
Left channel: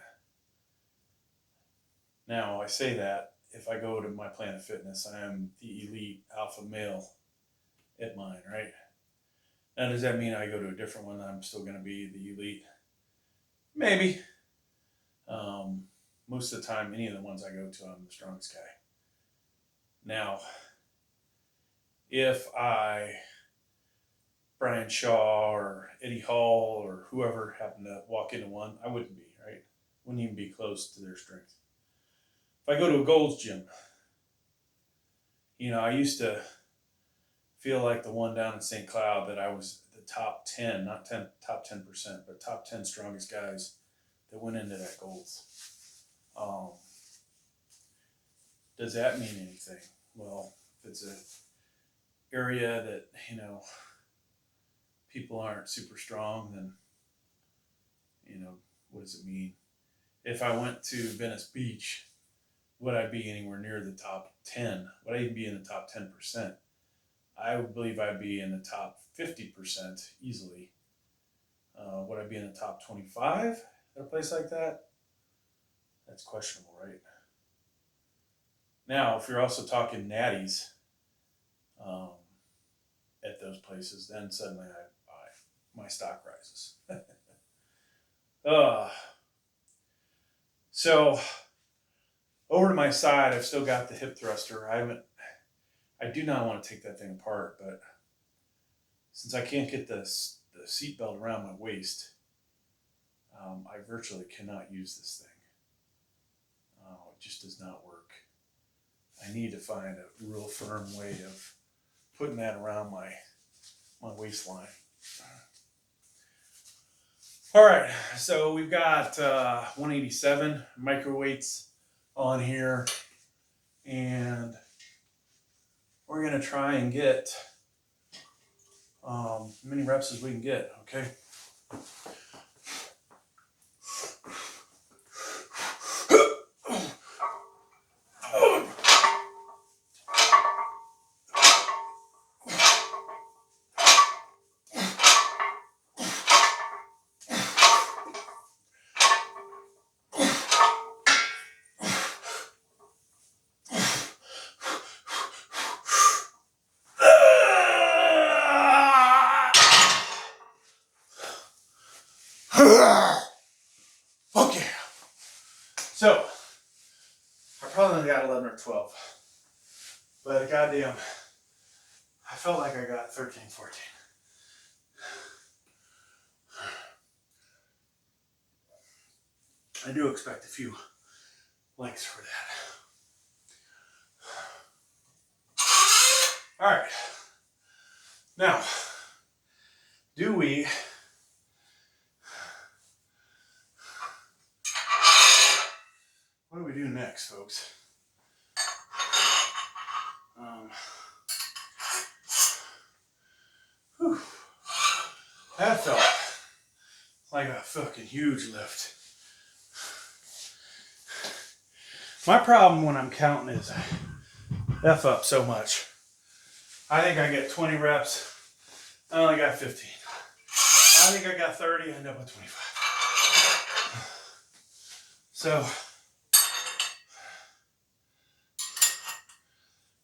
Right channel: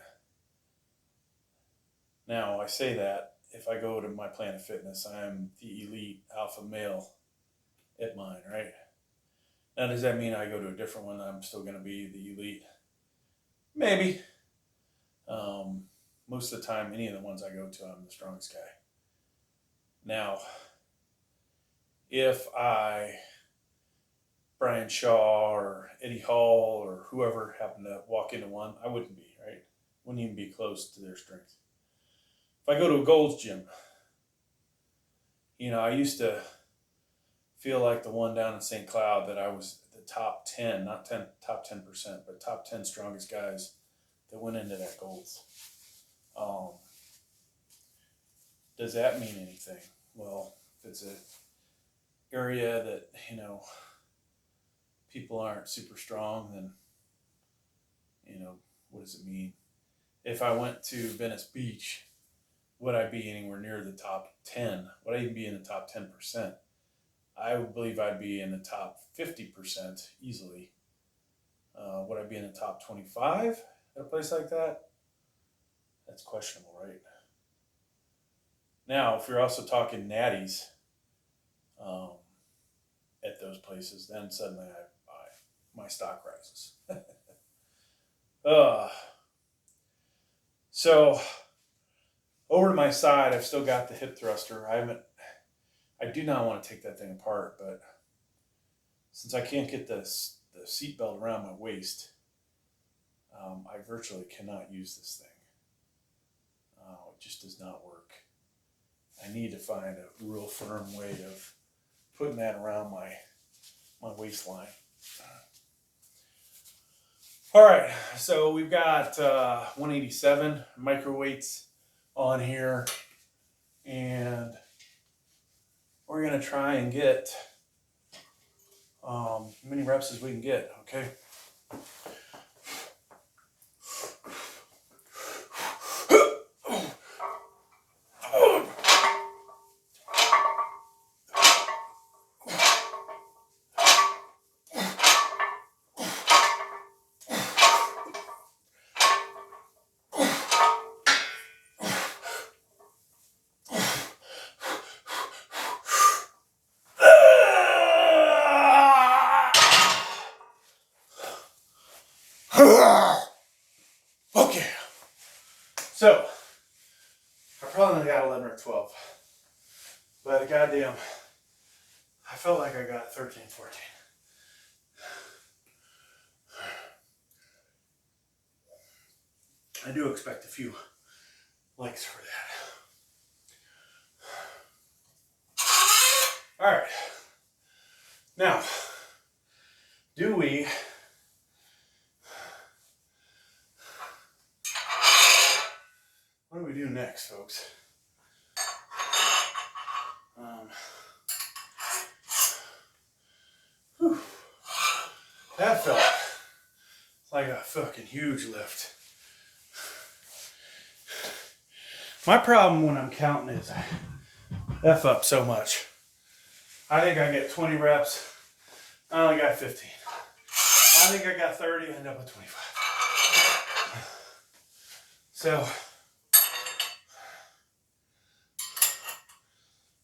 Now, I say that if I go to my Planet Fitness, I am the elite alpha male at mine, right? Now, does that mean I go to a different one, I'm still going to be the elite? Maybe. Most of the time, any of the ones I go to, I'm the strongest guy. Now, if Brian Shaw or Eddie Hall or whoever happened to walk into one, I wouldn't be, right? Wouldn't even be close to their strength. If I go to a Gold's Gym, I used to feel like the one down in St. Cloud that I was the top 10, not top 10%, but top 10 strongest guys that went into that Gold's. Does that mean anything? Well, if it's an area that, people aren't super strong, then, what does it mean? If I went to Venice Beach, would I be anywhere near the top 10? Would I even be in the top 10%? I would believe I'd be in the top 50% easily. Would I be in the top 25 at a place like that? That's questionable, right? Now, if you're also talking natties at those places, then suddenly my stock rises. So over to my side, I've still got the hip thruster. I do not want to take that thing apart, but since I can't get the seat belt around my waist, I virtually cannot use this thing. It just does not work. I need to find a real firm way of putting that around my waistline. All right, so we've got 187 microweights on here, and we're going to try and get as many reps as we can get, okay? So, I probably only got 11 or 12. But goddamn, I felt like I got 13, 14. I do expect a few likes for that. All right. Now, what do we do next, folks? That felt like a fucking huge lift. My problem when I'm counting is I F up so much. I think I get 20 reps. I only got 15. I think I got 30. I end up with 25. So,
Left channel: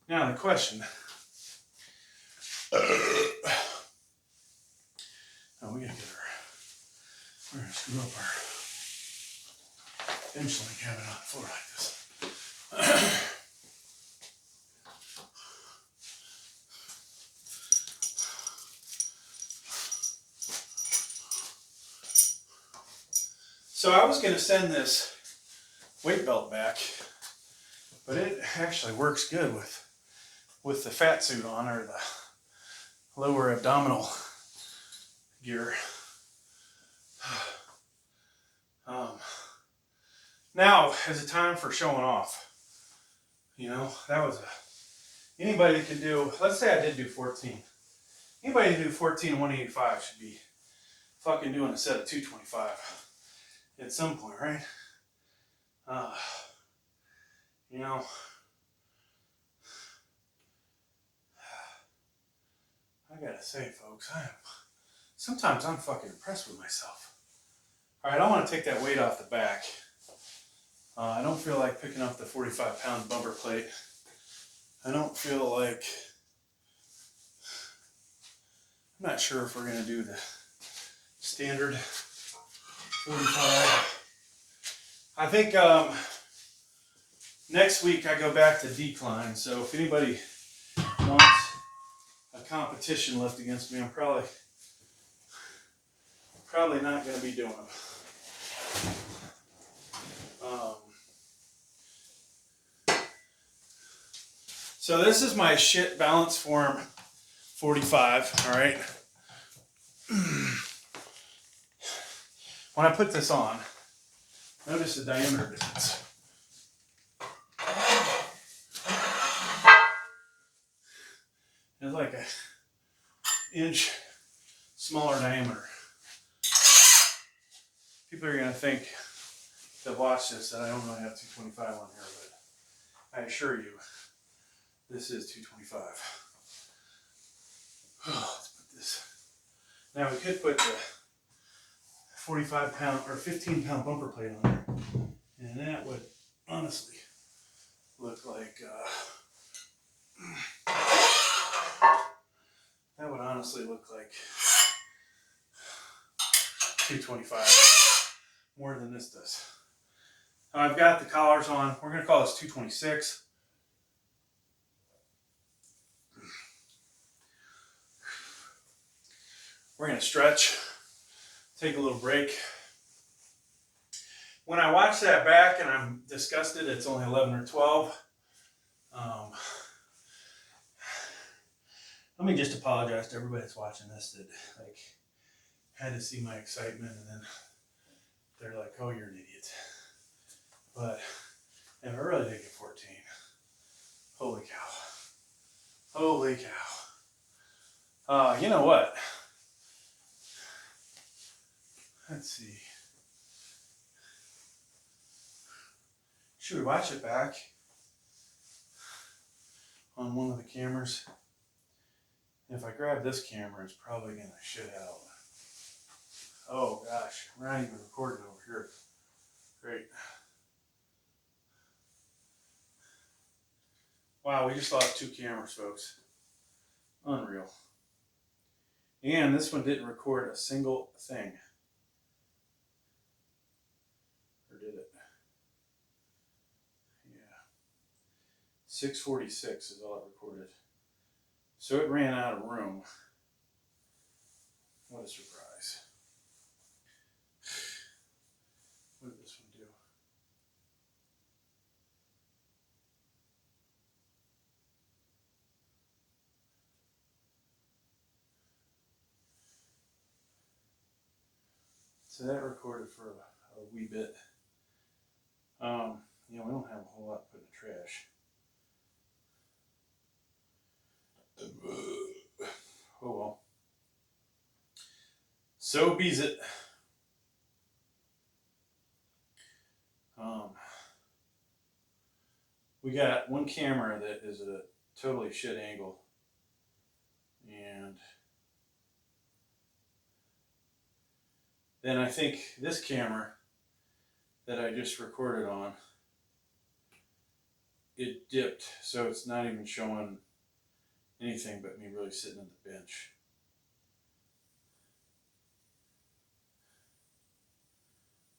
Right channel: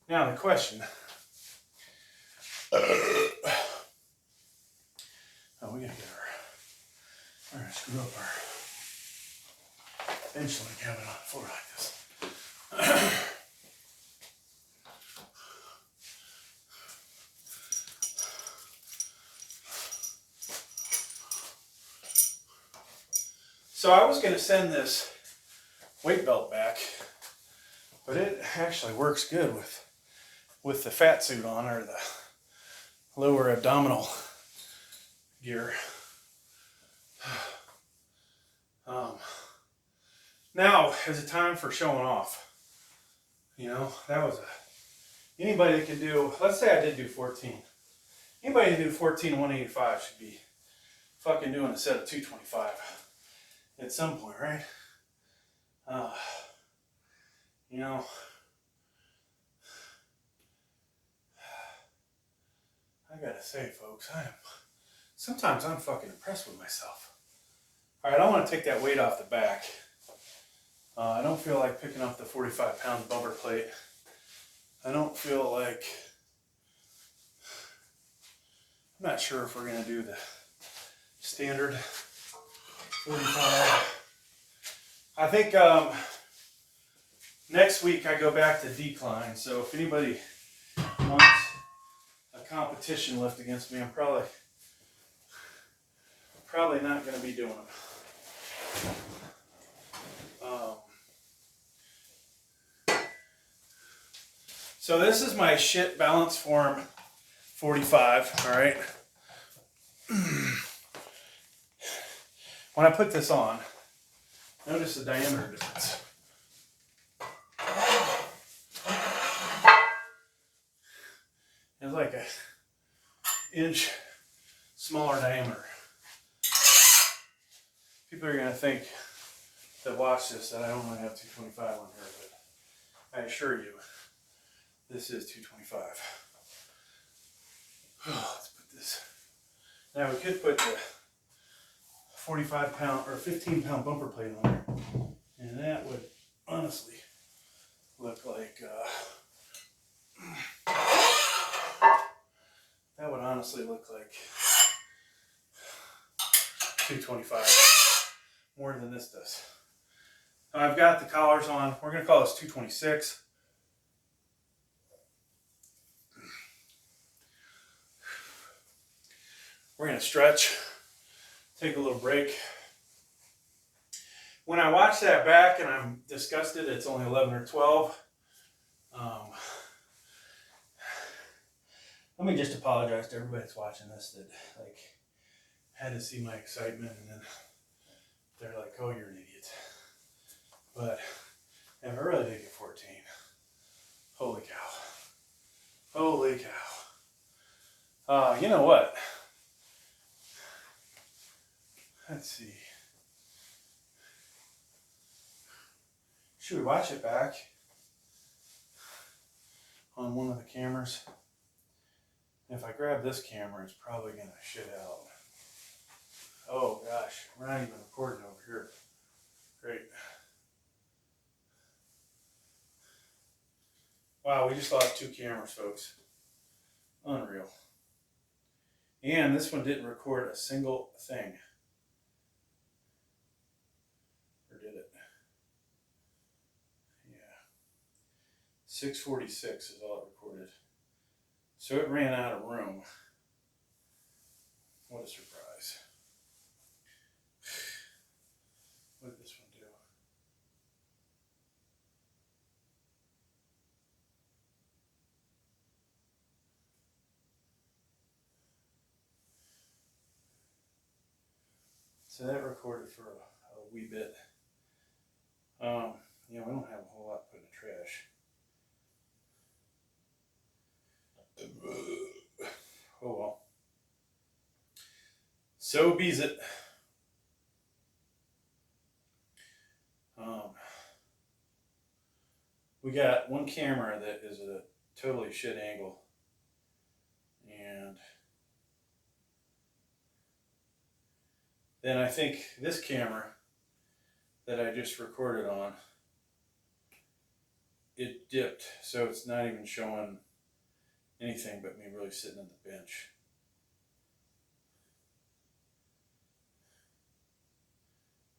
now the question. Oh, we gotta get we're gonna screw up our bench link having it on the floor like this. So I was gonna send this weight belt back, but it actually works good with the fat suit on, or the lower abdominal gear. Now is the time for showing off. You know, that was anybody that can do, let's say I did do 14. Anybody who do 14 185 should be fucking doing a set of 225 at some point, right? You know, I gotta say, folks, sometimes I'm fucking impressed with myself. All right, I want to take that weight off the back. I don't feel like picking up the 45-pound bumper plate. I don't feel like, I'm not sure if we're going to do the standard 45. I think next week I go back to decline, so if anybody wants a competition lift against me, I'm probably not going to be doing them. So this is my shit balance form 45, all right? When I put this on, notice the diameter difference. It's like an inch smaller diameter. People are gonna think that watch this that I don't really have 225 on here, but I assure you, this is 225. Let's put this. Now we could put the 45-pound or 15-pound bumper plate on there, and that would honestly look like that would honestly look like 225 more than this does. I've got the collars on. We're going to call this 226. We're going to stretch, take a little break. When I watch that back and I'm disgusted, it's only 11 or 12. Let me just apologize to everybody that's watching this that like had to see my excitement and then they're like, "Oh, you're an idiot." But if I really did get 14, holy cow. Holy cow. You know what? Let's see. Should we watch it back on one of the cameras? If I grab this camera, it's probably going to shit out. Oh gosh, we're not even recording over here. Great. Wow, we just lost 2 cameras, folks. Unreal. And this one didn't record a single thing. Or did it? 646 is all it recorded. So it ran out of room. What a surprise. What did this one do? So that recorded for a wee bit. Yeah, we don't have a whole lot to put in the trash. Oh well. So be's it. We got one camera that is at a totally shit angle, and then I think this camera that I just recorded on, it dipped, so it's not even showing anything but me really sitting on the bench.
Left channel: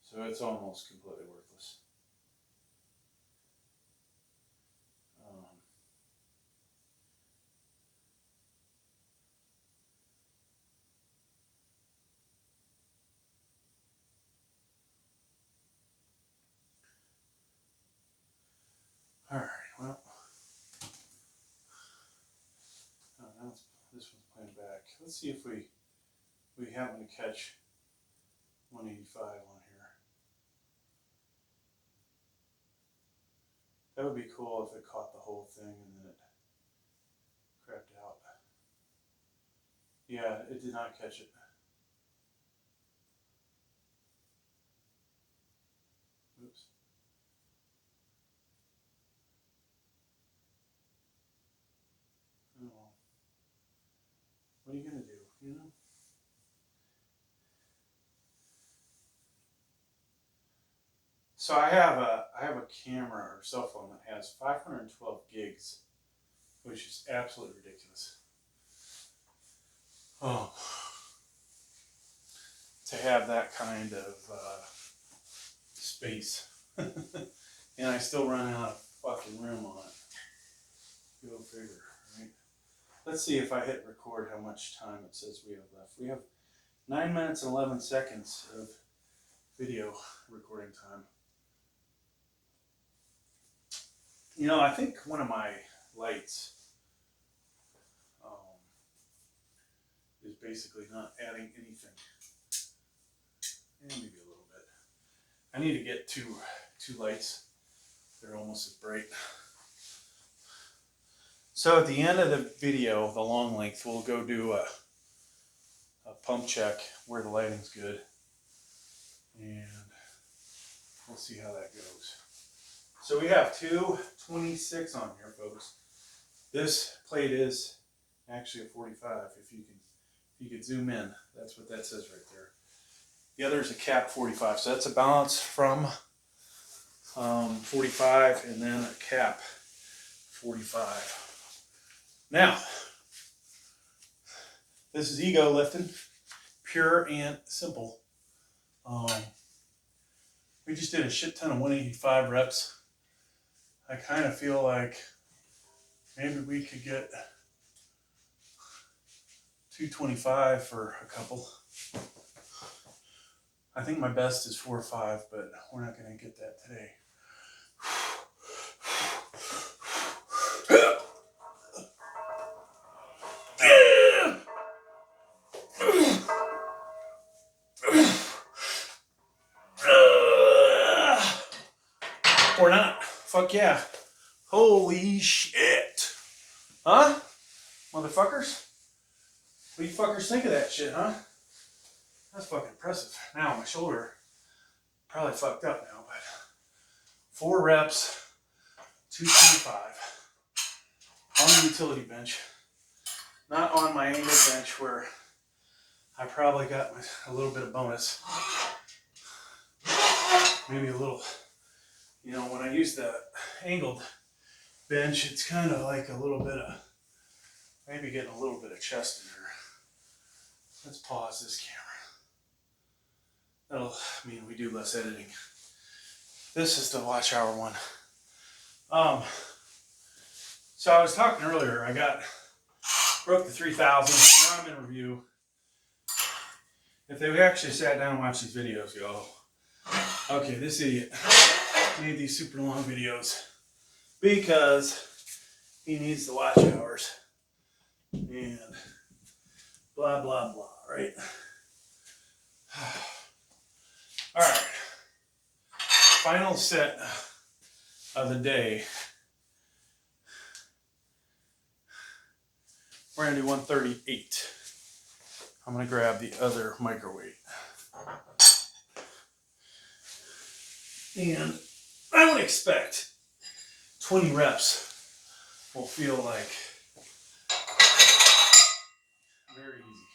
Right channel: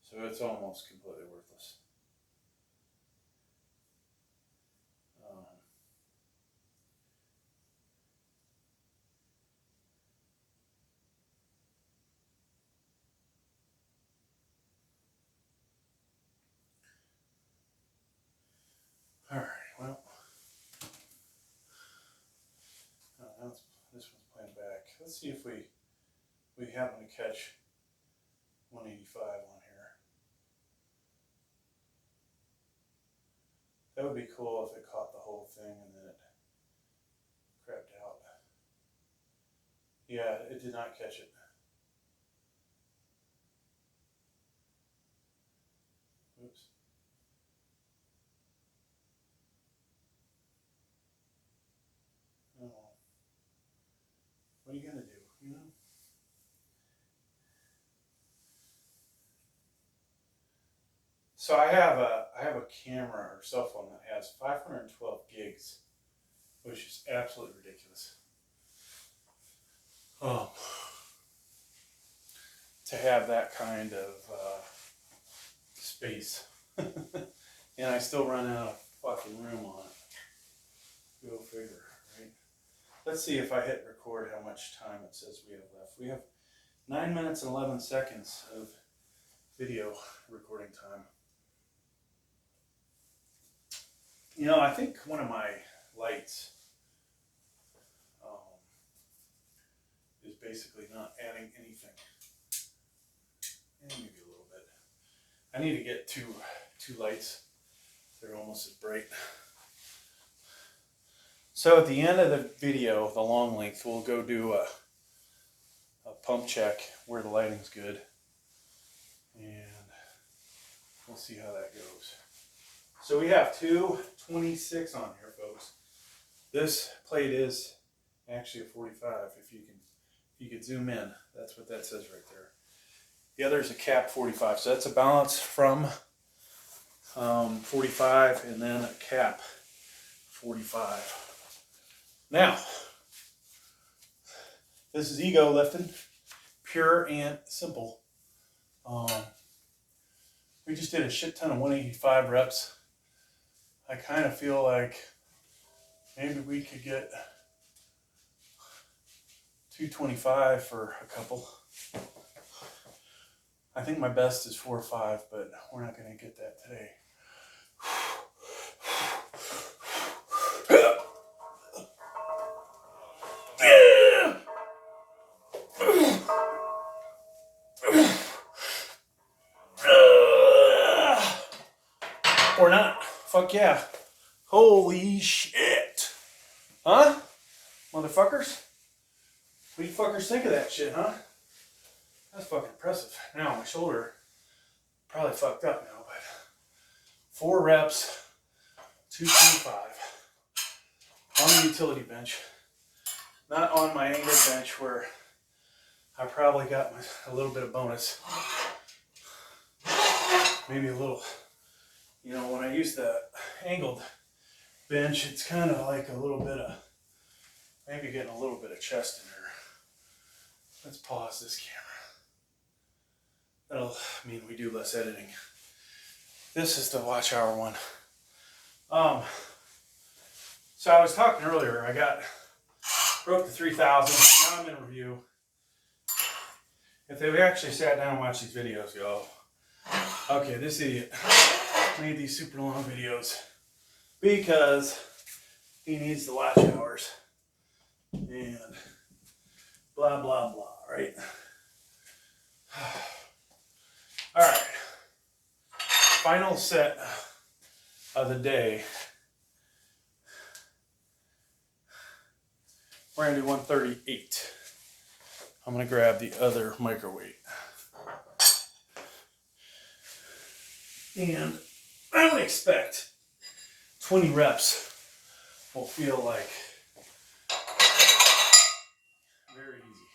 So it's almost completely worthless. All right, well, this one's playing back. Let's see if we happen to catch 185 on here. That would be cool if it caught the whole thing and then it crapped out. Yeah, it did not catch it. Oops. Oh, what are you gonna do, you know? So I have a camera or cell phone that has 512 gigs, which is absolutely ridiculous. Oh, to have that kind of space, and I still run out of fucking room on it. Go figure, right? Let's see if I hit record how much time it says we have left. We have 9 minutes and 11 seconds of video recording time. You know, I think one of my lights is basically not adding anything. And maybe a little bit. I need to get two lights. They're almost as bright. So at the end of the video, the long length, we'll go do a pump check where the lighting's good. And we'll see how that goes. So we have 226 on here, folks. This plate is actually a 45. If you could zoom in, that's what that says right there. The other is a cap 45, so that's a balance from 45 and then a cap 45. Now, this is ego lifting, pure and simple. We just did a shit ton of 185 reps. I kind of feel like maybe we could get 225 for a couple. I think my best is 4 or 5, but we're not going to get that today. Or not. Fuck yeah. Holy shit. Huh? Motherfuckers? What do you fuckers think of that shit, huh? That's fucking impressive. Now my shoulder probably fucked up now, but 4 reps, 225 on the utility bench. Not on my angle bench where I probably got a little bit of bonus. Maybe a little, you know, when I use the angled bench, it's kind of like a little bit of, maybe getting a little bit of chest in there. Let's pause this camera. That'll mean we do less editing. This is the watch hour one. So I was talking earlier, broke the 3000, now I'm in review. If they actually sat down and watched these videos, y'all, okay, this idiot made these super long videos because he needs the watch hours and blah, blah, blah, right? All right, final set of the day. We're gonna do 138. I'm gonna grab the other microweight. And I would expect 20 reps will feel like very easy.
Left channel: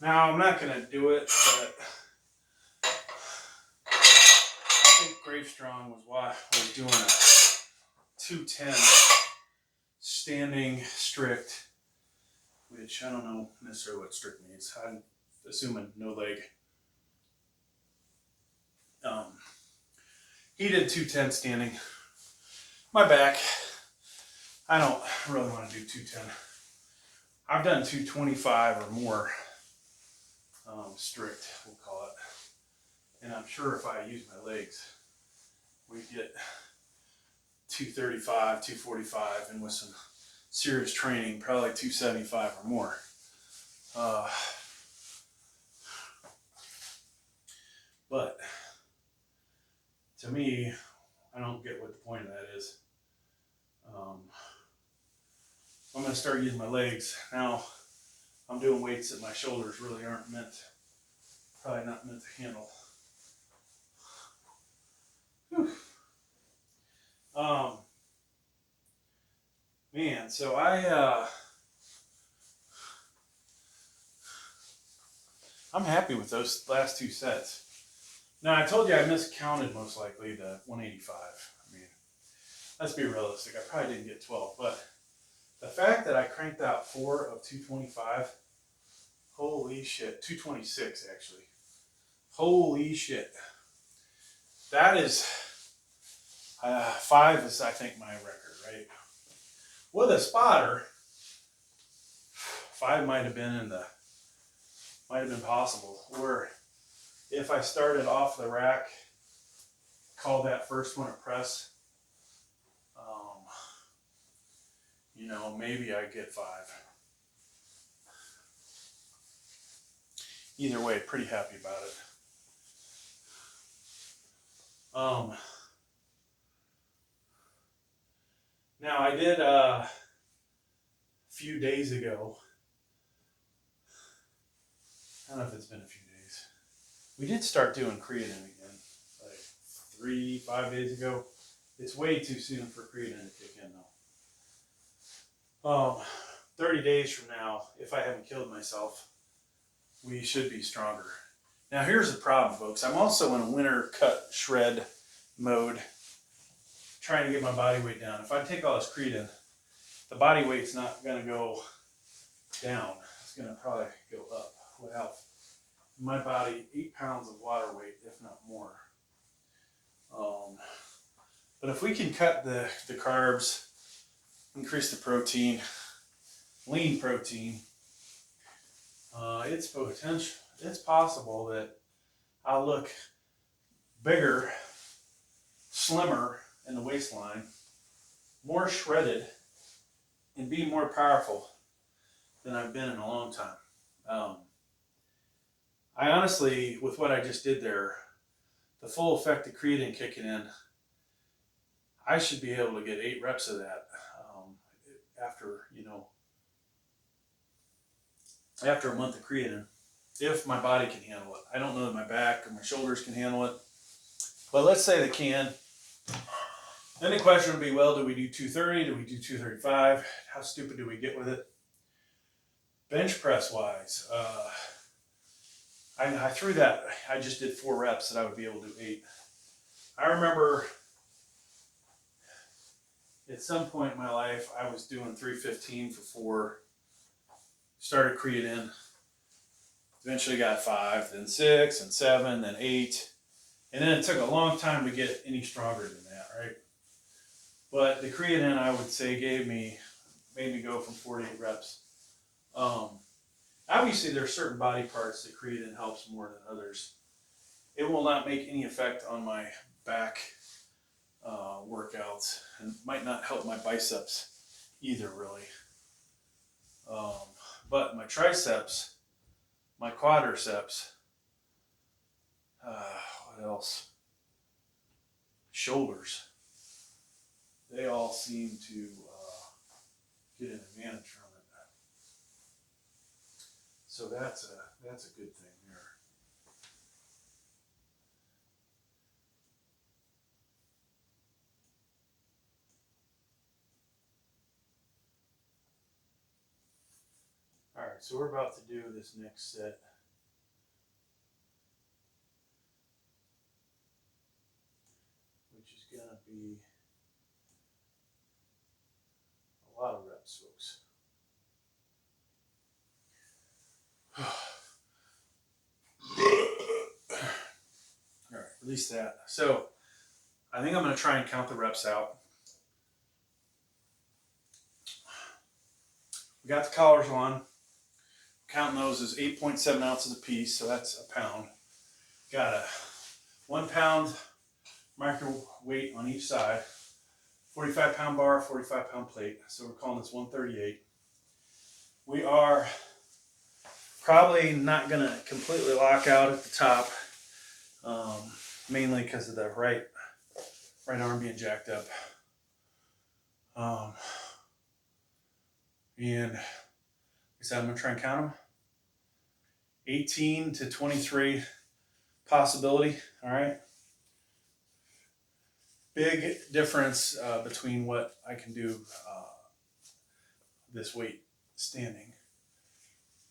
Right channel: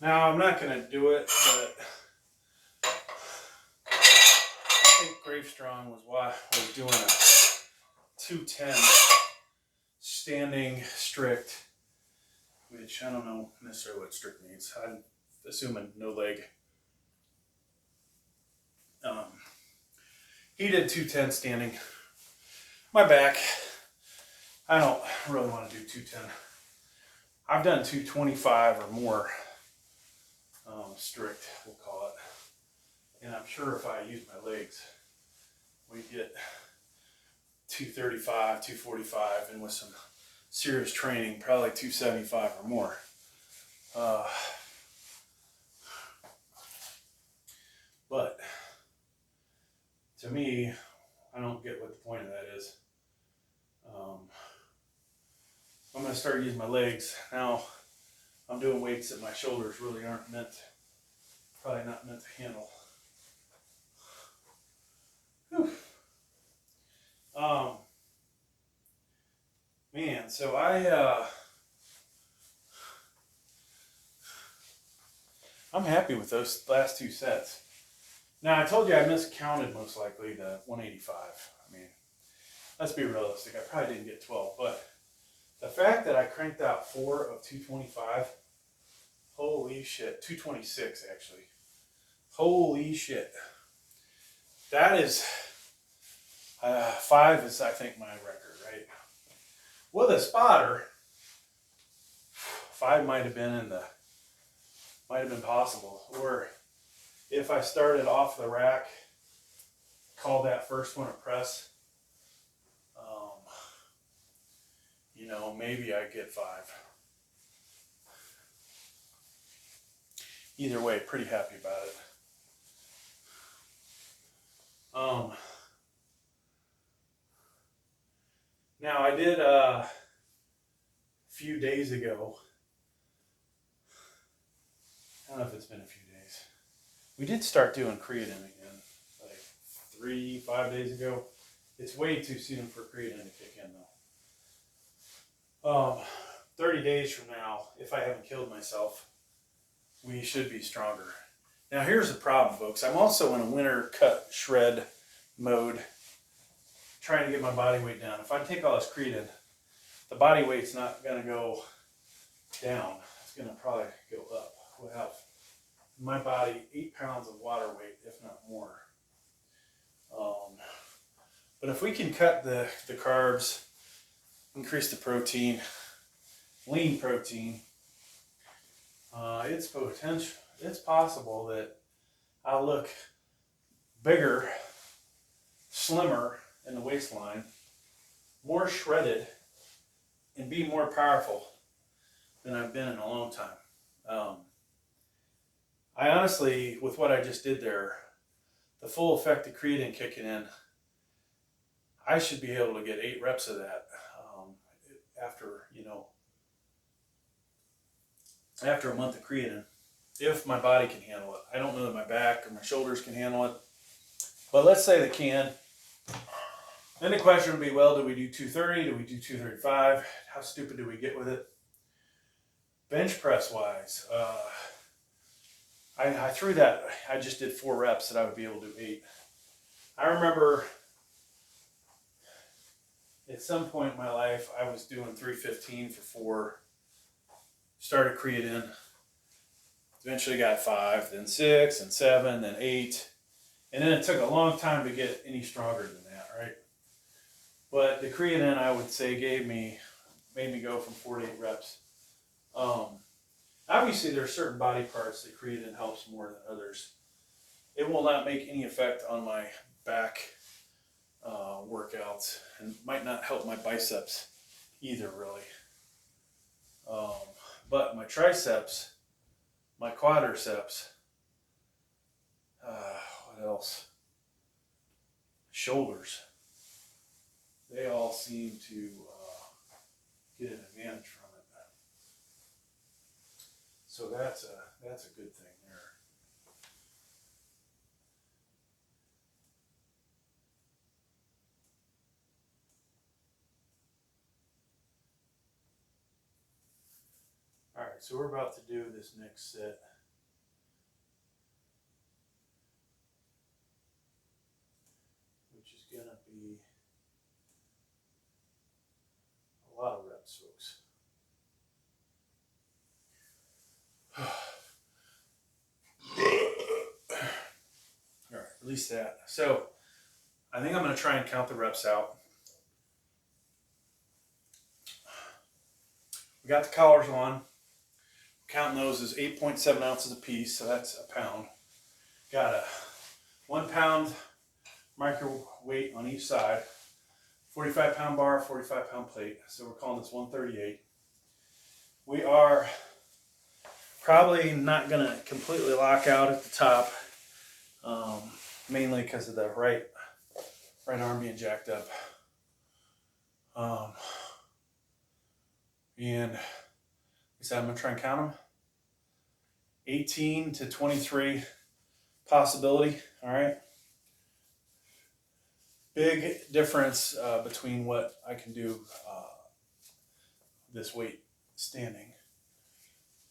Now I'm not gonna do it, but I think Gravestrong was doing a 210 standing strict, which I don't know necessarily what strict means. I'm assuming no leg. He did 210 standing. My back, I don't really want to do 210. I've done 225 or more strict, we'll call it. And I'm sure if I use my legs, we get 235, 245, and with some serious training, probably 275 or more. But to me, I don't get what the point of that is. I'm going to start using my legs. Now, I'm doing weights that my shoulders really aren't probably not meant to handle. Whew. Man, so I'm happy with those last two sets. Now, I told you I miscounted most likely the 185. I mean, let's be realistic. I probably didn't get 12, but the fact that I cranked out 4 of 225, holy shit, 226 actually. Holy shit. That is, 5 is I think my record, right? With a spotter, 5 might have been possible. Or if I started off the rack, call that first one a press, you know, maybe I get 5. Either way, pretty happy about it. Now I did a few days ago, I don't know if it's been a few days, we did start doing creatine again, like 3-5 days ago. It's way too soon for creatine to kick in though. 30 days from now, if I haven't killed myself, we should be stronger. Now here's the problem, folks. I'm also in a winter cut shred mode, trying to get my body weight down. If I take all this creatine, the body weight's not going to go down. It's going to probably go up. We'll have my body 8 pounds of water weight, if not more. But if we can cut the carbs, increase the protein, lean protein, it's possible that I'll look bigger, slimmer in the waistline, more shredded, and be more powerful than I've been in a long time. I honestly, with what I just did there, the full effect of creatine kicking in, I should be able to get 8 reps of that after a month of creatine, if my body can handle it. I don't know that my back or my shoulders can handle it, but let's say they can. Then the question would be, well, do we do 230? Do we do 235? How stupid do we get with it? Bench press wise, I threw that. I just did 4 reps that I would be able to do 8. I remember at some point in my life, I was doing 315 for 4, started creatine, Eventually got 5, then 6, and 7, then 8. And then it took a long time to get any stronger than that, right? But the creatine, I would say, made me go from 4 to 8 reps. Obviously, there are certain body parts that creatine helps more than others. It will not make any effect on my back workouts, and might not help my biceps either, really. But my triceps, my quadriceps, what else? Shoulders. They all seem to get an advantage from it. So that's a good thing there. All right, so we're about to do this next set. Which is going to be a lot of reps, folks. All right, release that. So I think I'm going to try and count the reps out. We got the collars on. Counting those is 8.7 ounces a piece, so that's a pound. Got a 1 pound micro weight on each side, 45 pound bar, 45 pound plate. So we're calling this 138. We are probably not going to completely lock out at the top, mainly because of the right arm being jacked up. And like I said, I'm going to try and count them. 18 to 23 possibility, all right? Big difference between what I can do this weight standing.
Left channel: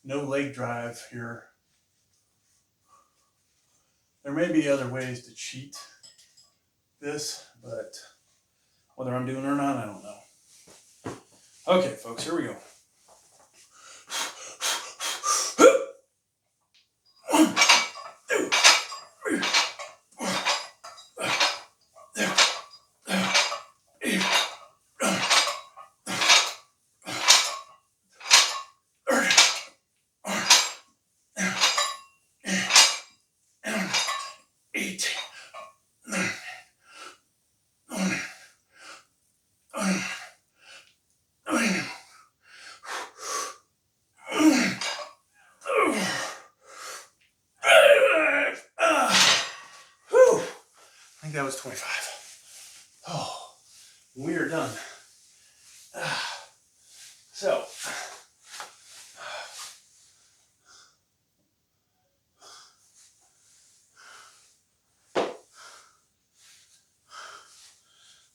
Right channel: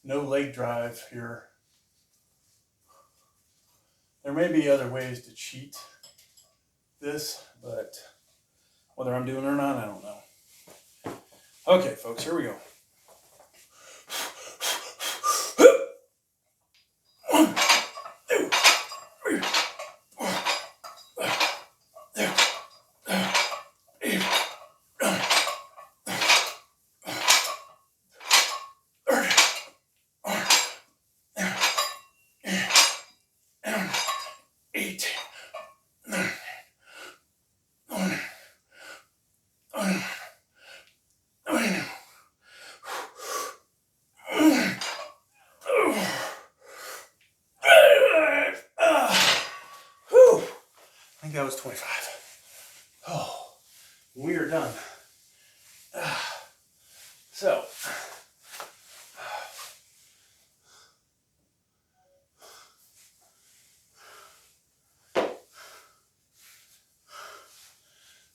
No leg drive here. There may be other ways to cheat this, but whether I'm doing it or not, I don't know. Okay, folks, here we go. I think that was 25. Oh, we are done. So,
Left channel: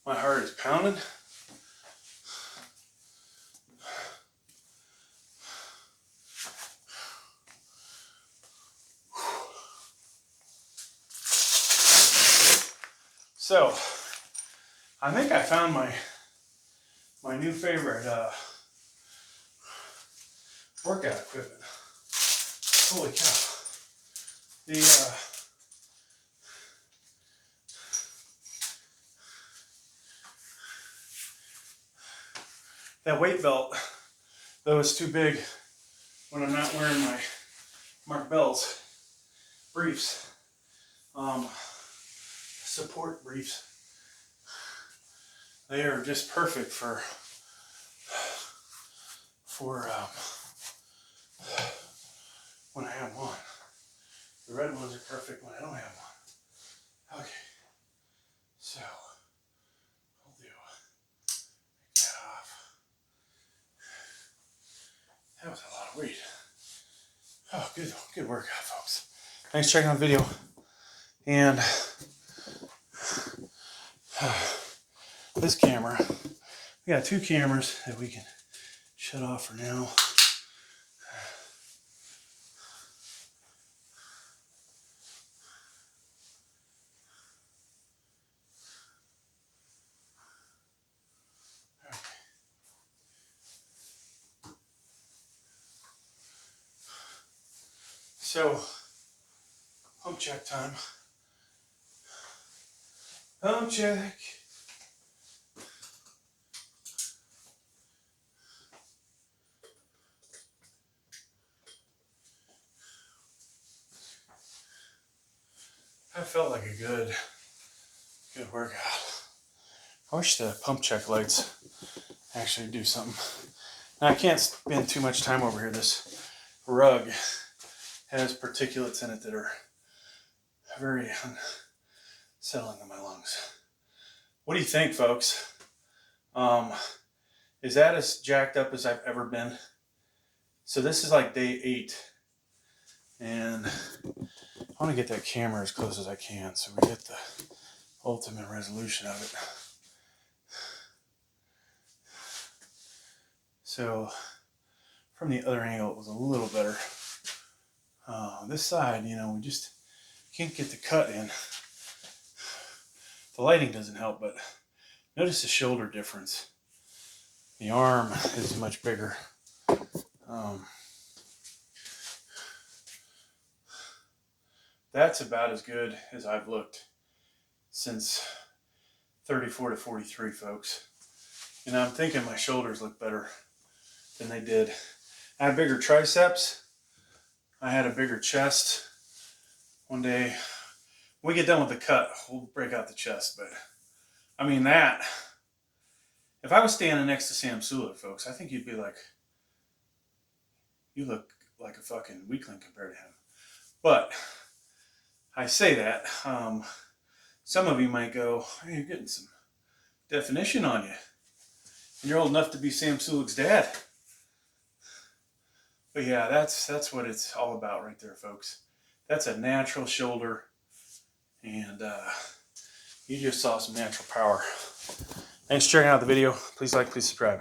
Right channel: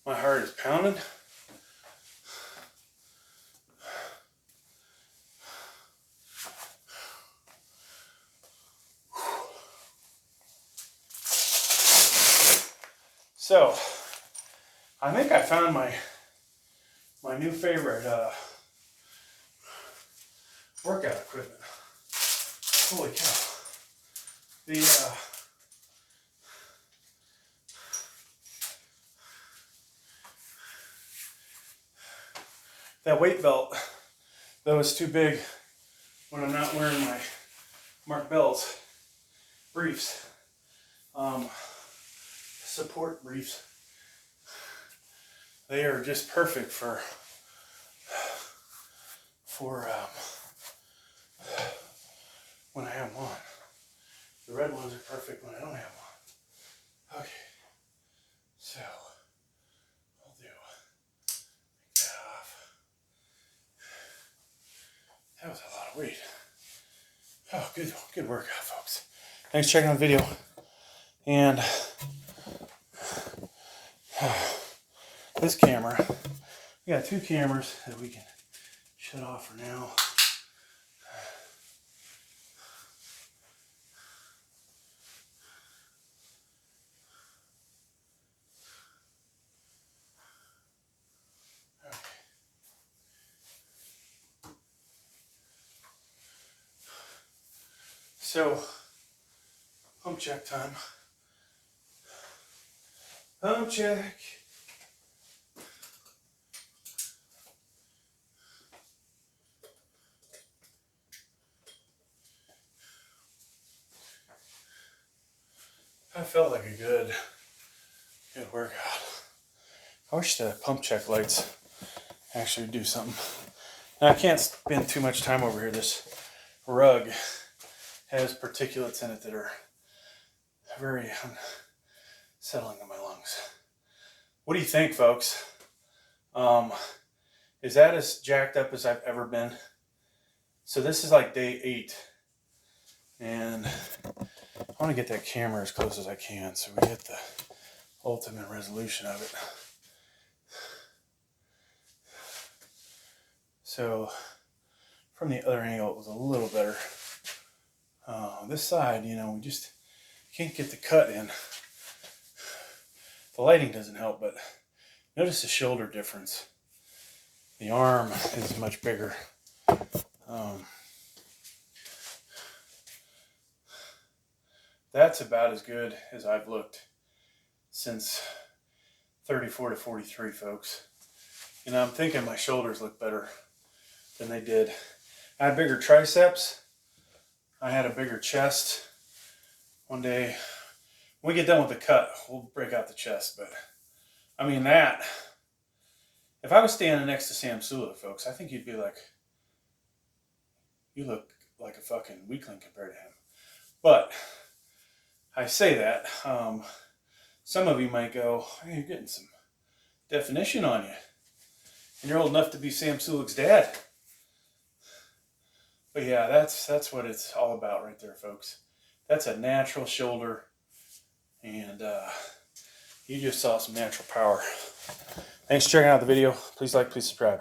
my heart is pounding. So, I think I found my new favorite workout equipment. Holy cow. That weight belt, though it's too big when I'm not wearing my Mark Bells briefs, support briefs. They are just perfect for when I have one. The red ones are perfect when I don't have one. Okay, so I'll do take that off. That was a lot of weight. Oh, good workout, folks. Thanks for checking out the video. And this camera, we got 2 cameras that we can shut off for now. So, pump check time. Pump check. That felt like a good workout. I wish the pump check lights actually do something. And I can't spend too much time over here. This rug has particulates in it that are very unsettling to my lungs. What do you think, folks? Is that as jacked up as I've ever been? So this is like day 8. And I want to get that camera as close as I can so we get the ultimate resolution of it. So from the other angle, it was a little better. This side, you know, we just can't get the cut in. The lighting doesn't help, but notice the shoulder difference. The arm is much bigger. That's about as good as I've looked since 34 to 43, folks. You know, I'm thinking my shoulders look better than they did. I had bigger triceps. I had a bigger chest. One day, when we get done with the cut, we'll break out the chest. But, I mean, that, if I was standing next to Sam Sulek, folks, I think you'd be like, you look like a fucking weakling compared to him. But I say that, some of you might go, hey, you're getting some definition on you. And you're old enough to be Sam Sulek's dad. But yeah, that's what it's all about right there, folks. That's a natural shoulder. And you just saw some natural power. Thanks for checking out the video. Please like, please subscribe.